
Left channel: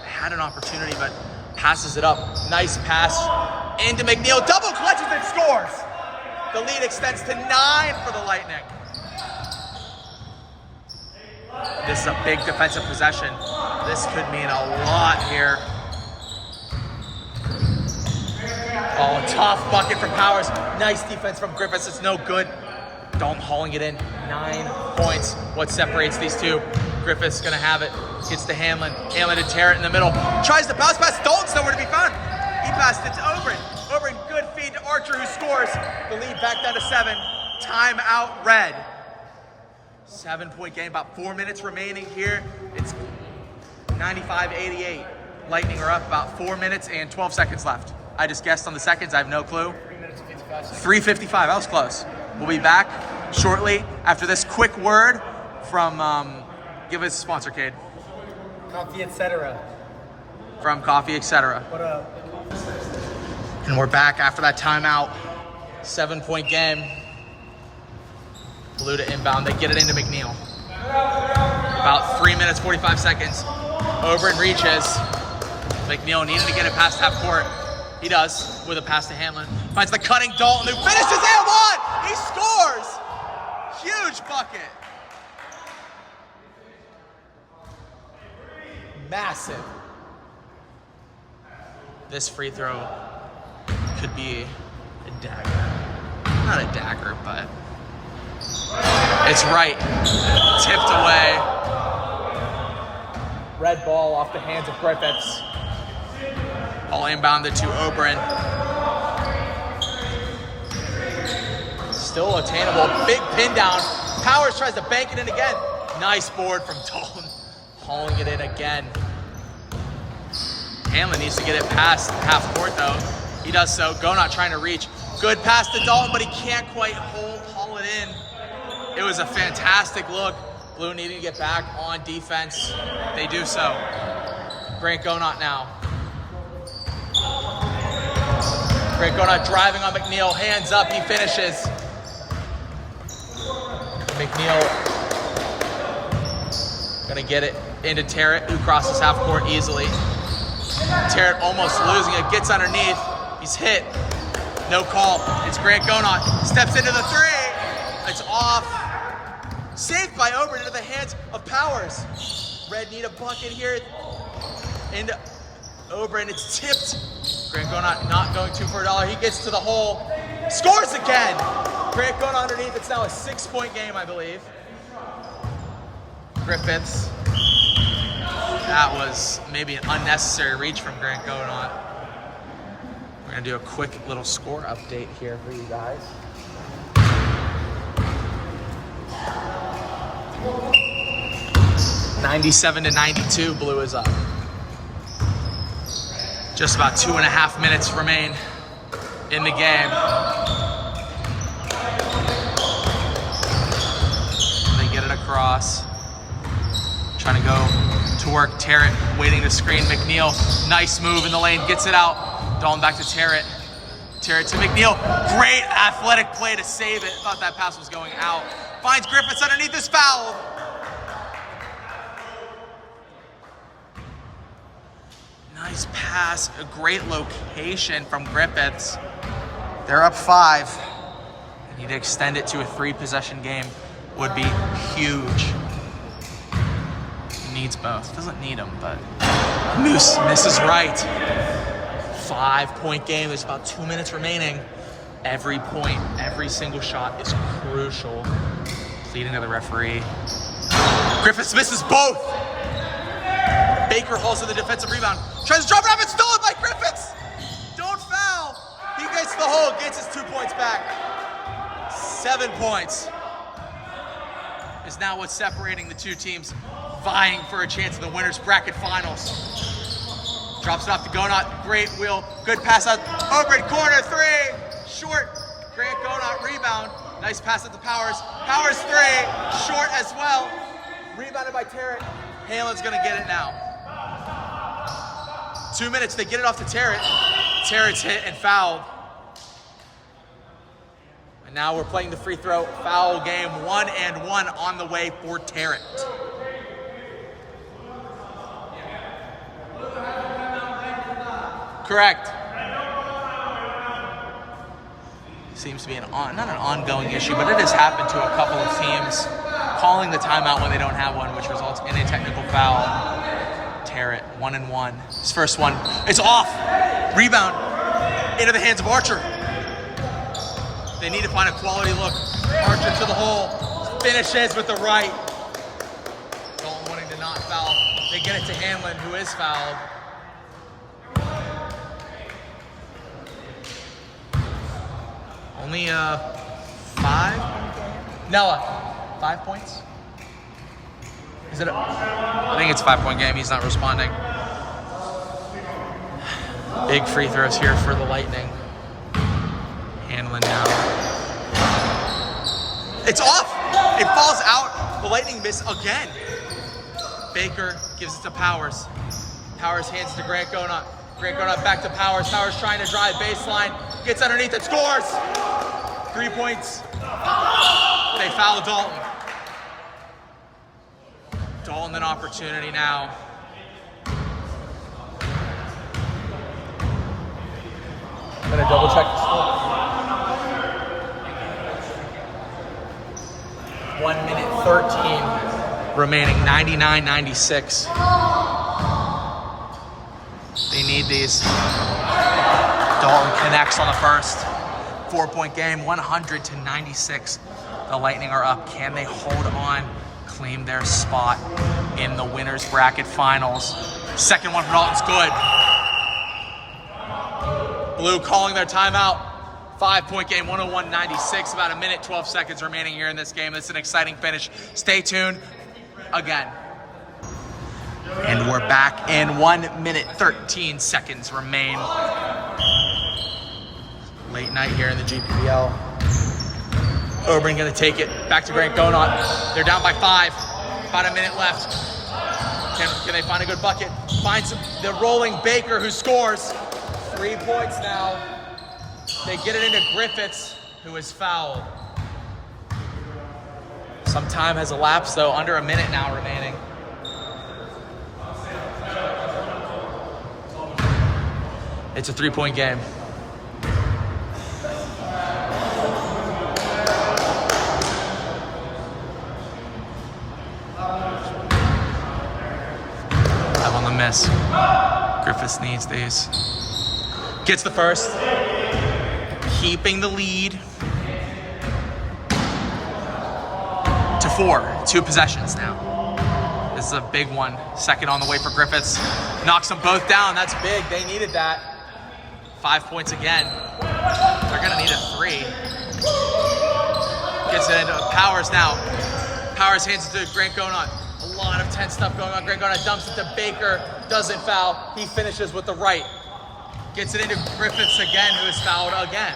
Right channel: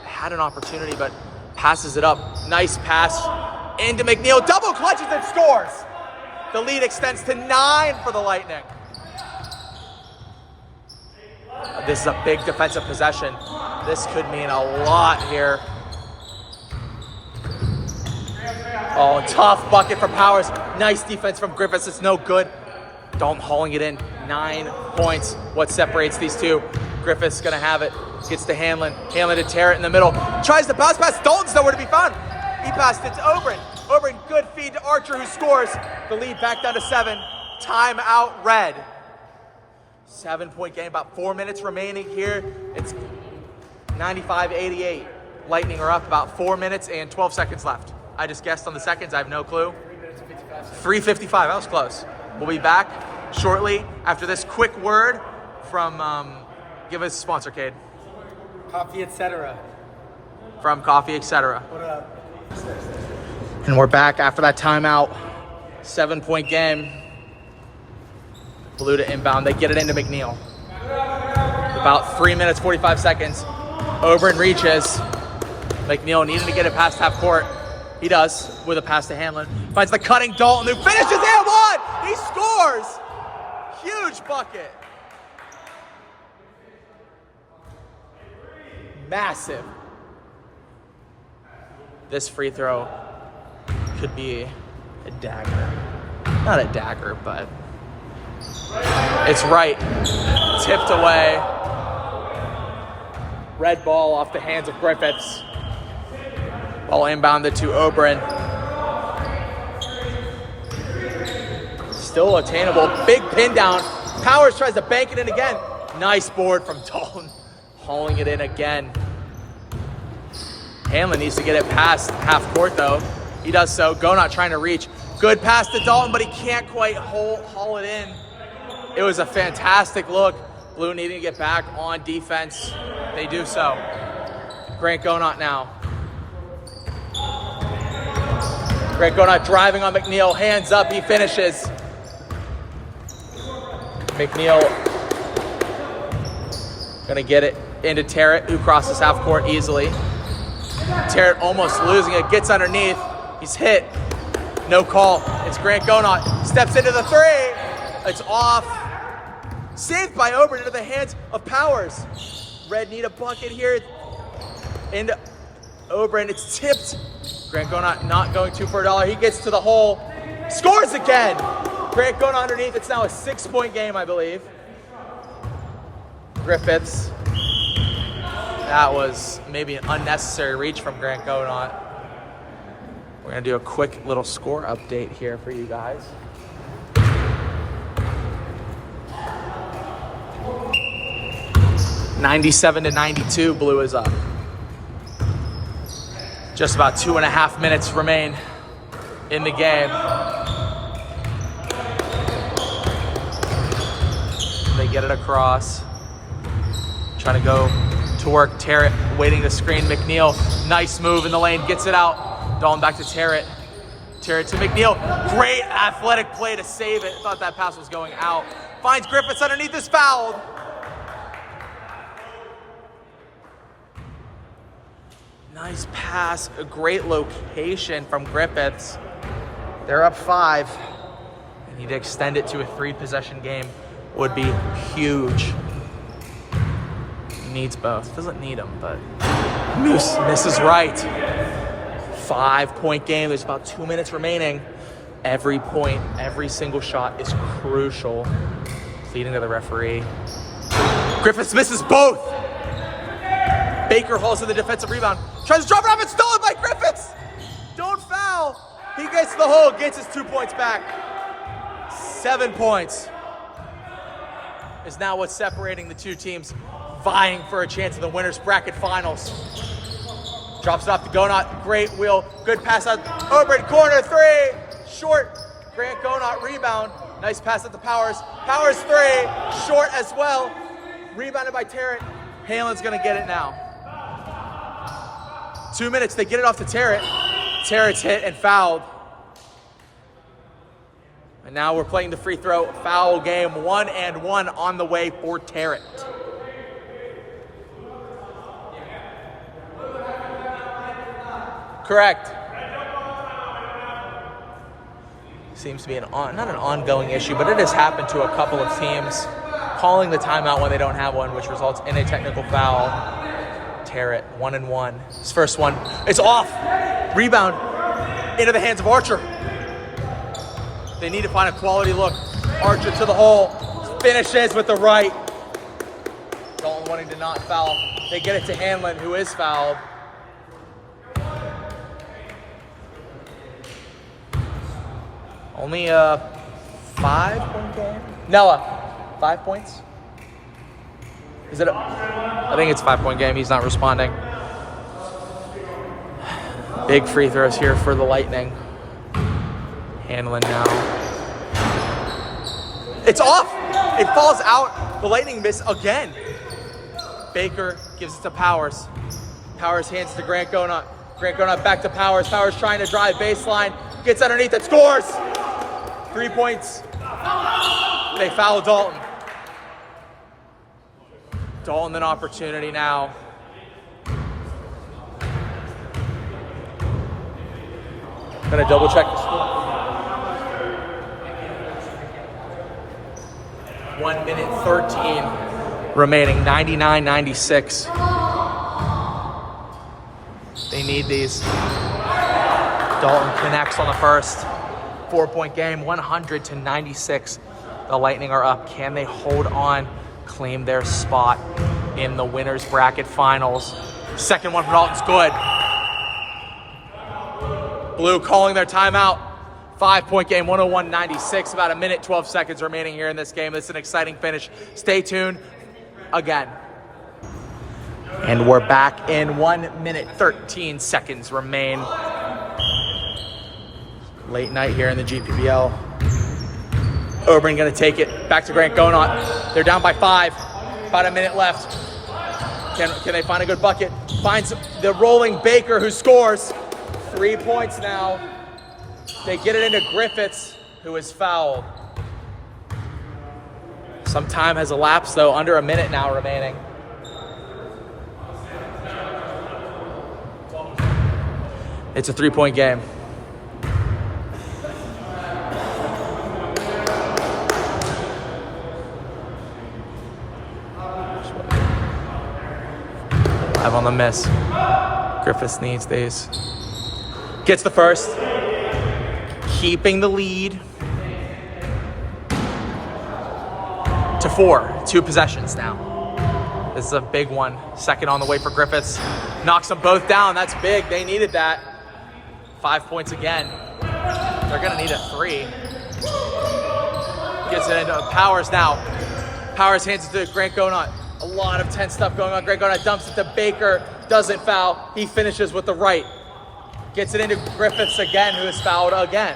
Had an opportunity, but passes it up. Nice pass into McNeil. Double clutches and scores. The lead extends to 9 for the Lightning. This is a big defensive possession. This could mean a lot here. Oh, tough bucket from Powers. Nice defense from Griffiths. It's no good. Dalton hauling it in. 9 points. What separates these two? Griffiths gonna have it. Gets to Hanlon. Hanlon to Tarrant in the middle. Tries to bounce pass. Dalton's nowhere to be found. He passed it to Oberon. Oberon, good feed to Archer who scores. The lead back down to 7. Timeout red. 7-point game. About 4 minutes remaining here. It's 95-88. Lightning are up about 4 minutes and 12 seconds left. I just guessed on the seconds. I have no clue. 3:55. That was close. We'll be back shortly after this quick word from, give us a sponsor, Cade. Coffee, etc. From Coffee, etc. What up? And we're back after that timeout. 7-point game. Blue to inbound. They get it into McNeil. About 3 minutes, 45 seconds. Oberon reaches. McNeil needed to get it past half court. He does with a pass to Hanlon. Finds the cutting Dalton who finishes and one. He scores. Huge bucket. Massive. This free throw could be a dagger. Not a dagger, but it's right. Tipped away. Red ball off the hands of Griffiths. All inbounded to Oberon. Still attainable. Big pin down. Powers tries to bank it in again. Nice board from Dalton. Hauling it in again. Hanlon needs to get it past half court though. He does so. Gonot trying to reach. Good pass to Dalton, but he can't quite haul it in. It was a fantastic look. Blue needing to get back on defense. They do so. Grant Gonot now. Grant Gonot driving on McNeil. Hands up, he finishes. McNeil gonna get it into Tarrant, who crosses half court easily. Tarrant almost losing it, gets underneath. He's hit. No call. It's Grant Gonot. Steps into the three. It's off. Saved by Oberon into the hands of Powers. Red need a bucket here. Into Oberon. It's tipped. Grant Gonot not going 2 for $1. He gets to the hole. Scores again. Grant Gonot underneath. It's now a 6-point game, I believe. Griffiths. That was maybe an unnecessary reach from Grant Gonot. We're gonna do a quick little score update here for you guys. (97-92), Blue is up. Just about 2.5 minutes remain in the game. They get it across. Trying to go to work. Terrett waiting to screen McNeil. Nice move in the lane. Gets it out. Dalton back to Terrett. Terrett to McNeil. Great athletic play to save it. Thought that pass was going out. Finds Griffiths underneath, is fouled. Nice pass. A great location from Griffiths. They're up 5. They need to extend it to a 3-possession game. Would be huge. Needs both. Doesn't need them, but Moose misses right. 5-point game. There's about 2 minutes remaining. Every point, every single shot is crucial. Leading to the referee. Griffiths misses both. Baker hauls in the defensive rebound. Tries to drop it up. It's stolen by Griffiths. Don't foul. He gets the hole. Gets his 2 points back. 7 points is now what's separating the two teams vying for a chance in the winners bracket finals. Drops it off to Gonot. Great wheel. Good pass out. Open corner 3. Short. Grant Gonot rebound. Nice pass at the Powers. Powers 3. Short as well. Rebounded by Terrett. Halen's going to get it now. 2 minutes. They get it off to Terrett. Terrett's hit and fouled. And now we're playing the free throw foul game. 1-1 on the way for Terrett. Correct. Seems to be not an ongoing issue, but it has happened to a couple of teams calling the timeout when they don't have one, which results in a technical foul. Terrett, 1-1. His first one, it's off. Rebound into the hands of Archer. They need to find a quality look. Archer to the hole. Finishes with the right. Dalton wanting to not foul. They get it to Hanlon, who is fouled. Only a 5-point game? Noah, 5 points? Is it I think it's a 5-point game. He's not responding. Big free throws here for the Lightning. Hanlon now. It's off! It falls out. The Lightning miss again. Baker gives it to Powers. Powers hands to Grant Gonot. Grant Gonot back to Powers. Powers trying to drive baseline. Gets underneath and scores! 3 points. They foul Dalton. Dalton an opportunity now. I'm gonna double check the score. 1 minute 13 remaining. 99-96. They need these. Dalton connects on the first. 4-point game, 100-96. The Lightning are up. Can they hold on, claim their spot in the winners bracket finals? Second one for Dalton's good. Blue calling their timeout. 5-point game, 101-96. About 1 minute, 12 seconds remaining here in this game. This is an exciting finish. Stay tuned again. And we're back in 1 minute, 13 seconds remain. Late night here in the GPBL. Oberyn gonna take it back to Grant Gonot. They're down by 5. About 1 minute left. Can they find a good bucket? Finds the rolling Baker who scores. 3 points now. They get it into Griffiths, who is fouled. Some time has elapsed though, under 1 minute now remaining. It's a 3-point game. On the miss. Griffiths needs these. Gets the first. Keeping the lead to 4. 2 possessions now. This is a big one. Second on the way for Griffiths. Knocks them both down. That's big. They needed that. 5 points again. They're gonna need a 3. Gets it into Powers now. Powers hands it to Grant Gonot. A lot of tense stuff going on. Grant Gonot dumps it to Baker. Doesn't foul. He finishes with the right. Gets it into Griffiths again, who is fouled again.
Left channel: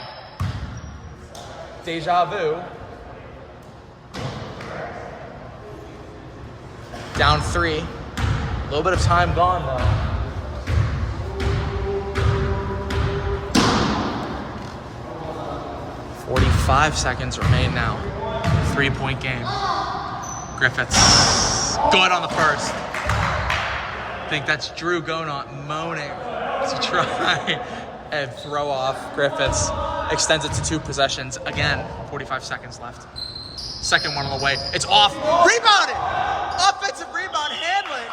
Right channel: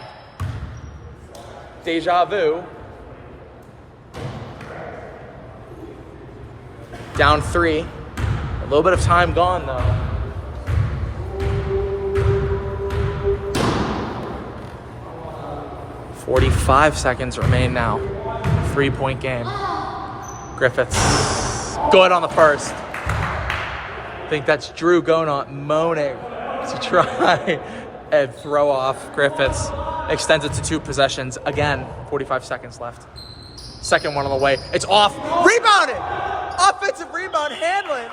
Deja vu. Down 3. A little bit of time gone though. 45 seconds remain now. 3-point game. Griffiths good on the first. I think that's Drew Gonot moaning to try and throw off Griffiths. Extends it to 2 possessions. Again, 45 seconds left. Second one on the way. It's off. Rebounded! Offensive rebound, Hanlon.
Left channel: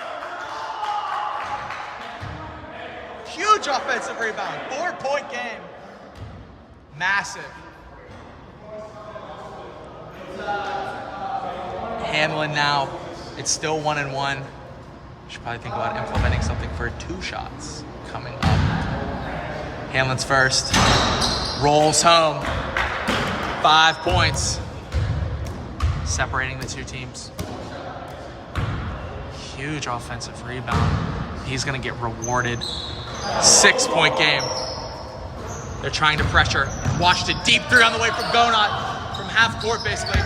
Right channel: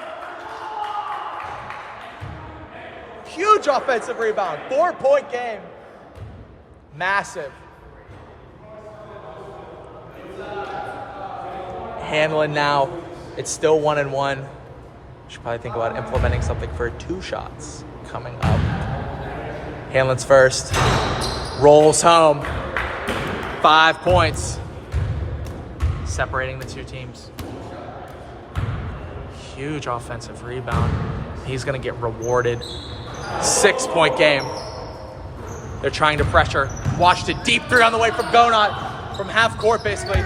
Huge offensive rebound. 4-point game. Massive. Hanlon now. It's still 1-1. Should probably think about implementing something for 2 shots coming up. Hanlon's first. Rolls home. 5 points. Separating the 2 teams. Huge offensive rebound. He's going to get rewarded. 6-point game. They're trying to pressure. Watched it deep 3 on the way from Gonot. From half court, basically.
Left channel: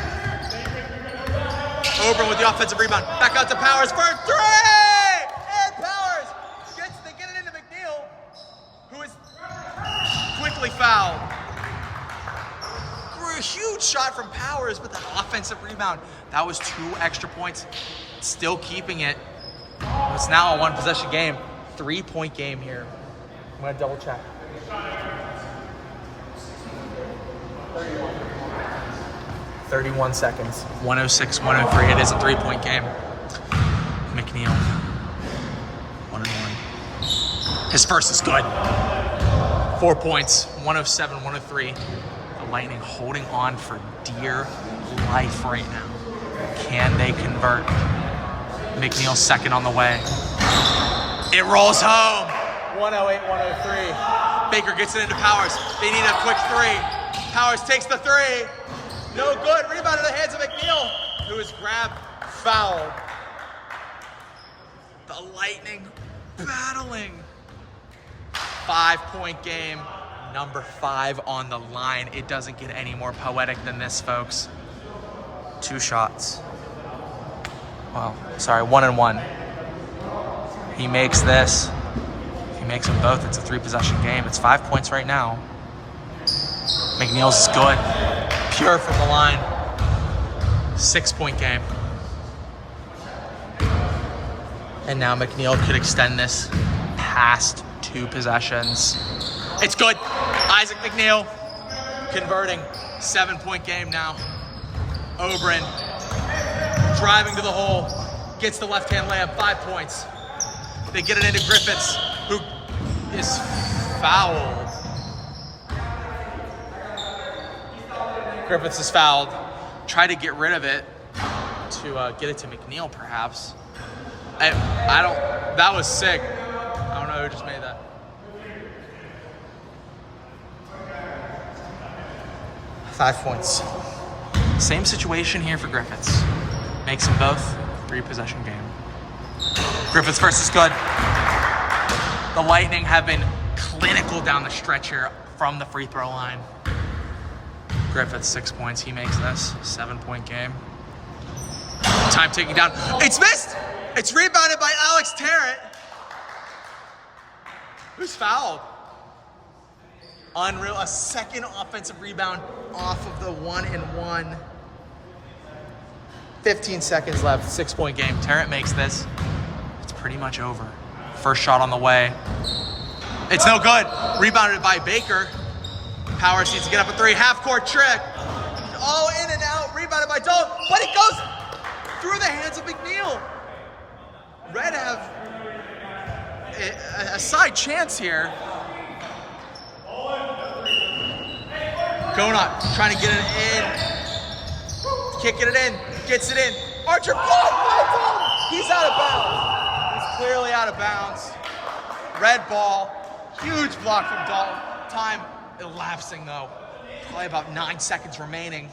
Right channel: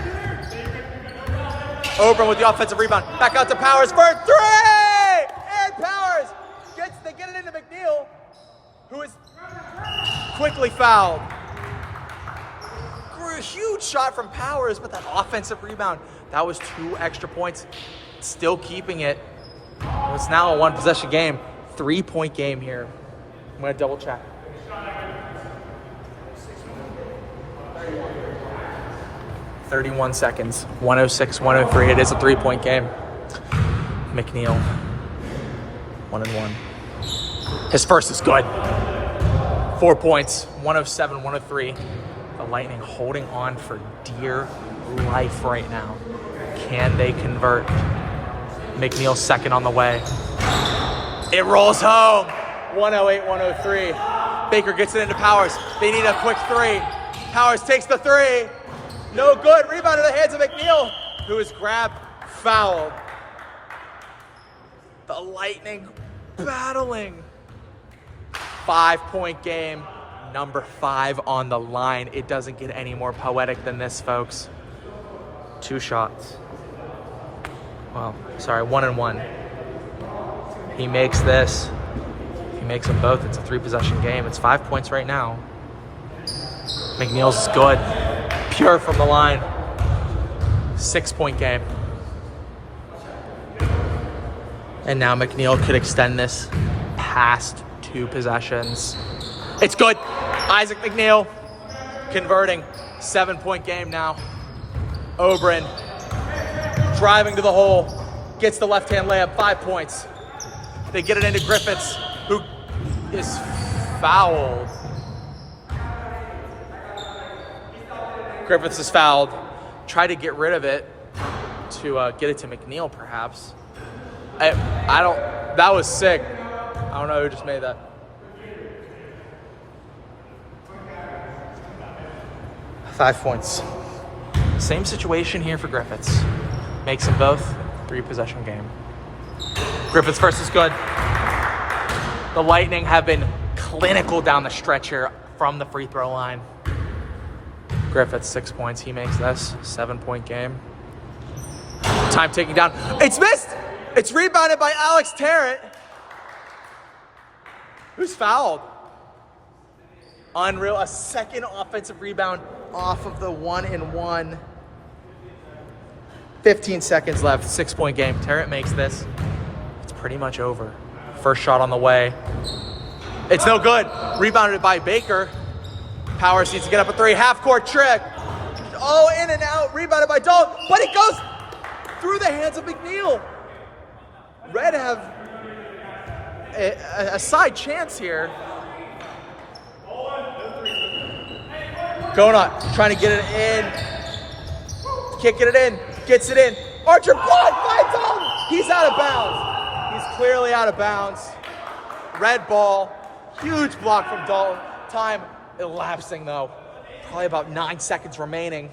Open with the offensive rebound. Back out to Powers for 3! And Powers they get it into McNeil, who is quickly fouled. A huge shot from Powers, but that offensive rebound, that was 2 extra points. Still keeping it. It's now a 1-possession game. 3-point game here. I'm going to double check. .31 seconds. 106, 103. It is a 3-point game. McNeil. 1-1. His first is good. 4 points. 107, 103. The Lightning holding on for dear life right now. Can they convert? McNeil second on the way. It rolls home. 108, 103. Baker gets it into Powers. They need a quick 3. Powers takes the 3. No good. Rebound in the hands of McNeil, who is grabbed, fouled. The Lightning battling. 5-point game. Number 5 on the line. It doesn't get any more poetic than this, folks. 2 shots. Well, sorry, 1-1. He makes this. He makes them both. It's a 3-possession game. It's 5 points right now. McNeil's is good. Pure from the line. 6-point game. And now McNeil could extend this past 2 possessions. It's good. Isaac McNeil converting. 7-point game now. Oberon driving to the hole. Gets the left-hand layup. 5 points. They get it into Griffiths, who is fouled. Griffiths is fouled. Try to get rid of it to get it to McNeil, perhaps. I don't. That was sick. I don't know who just made that. Five points. Same situation here for Griffiths. Makes them both 3-possession game. Griffiths first is good. The Lightning have been clinical down the stretch here from the free throw line. Griffiths 6 points. He makes this 7-point game. Time taking down. It's missed. It's rebounded by Alex Tarrant, who's fouled. Unreal. A second offensive rebound off of the 1-and-1. 15 seconds left. 6-point game. Tarrant makes this. It's pretty much over. First shot on the way. It's no good. Rebounded by Baker. Powers needs to get up a 3. Half-court trick. Oh, in and out. Rebounded by Dalton. But it goes through the hands of McNeil. Red have a side chance here. Gonot trying to get it in. Kicking it in. Gets it in. Archer blocked by Dalton. He's out of bounds. He's clearly out of bounds. Red ball. Huge block from Dalton. Time elapsing though. Probably about 9 seconds remaining.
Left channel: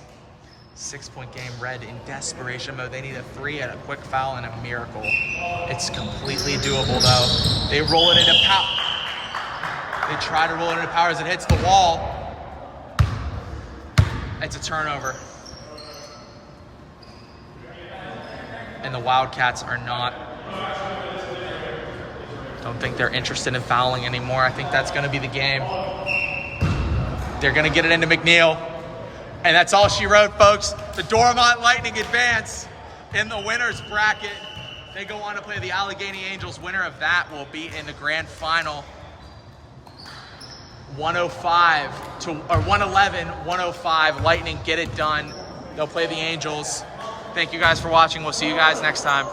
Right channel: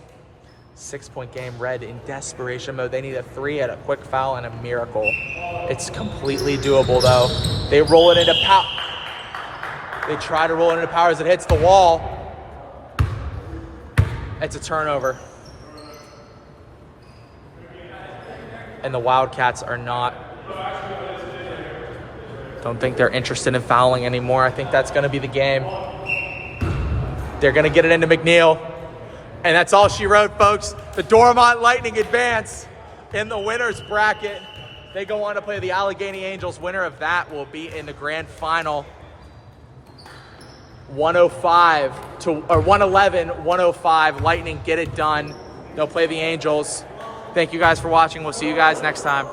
6-point game. Red in desperation mode. They need a 3 and a quick foul and a miracle. It's completely doable though. They roll it into power. They try to roll it into power as it hits the wall. It's a turnover. And the Wildcats are not. Don't think they're interested in fouling anymore. I think that's going to be the game. They're going to get it into McNeil. And that's all she wrote, folks. The Dormont Lightning advance in the winner's bracket. They go on to play the Allegheny Angels. Winner of that will be in the grand final. 111-105. Lightning get it done. They'll play the Angels. Thank you guys for watching. We'll see you guys next time.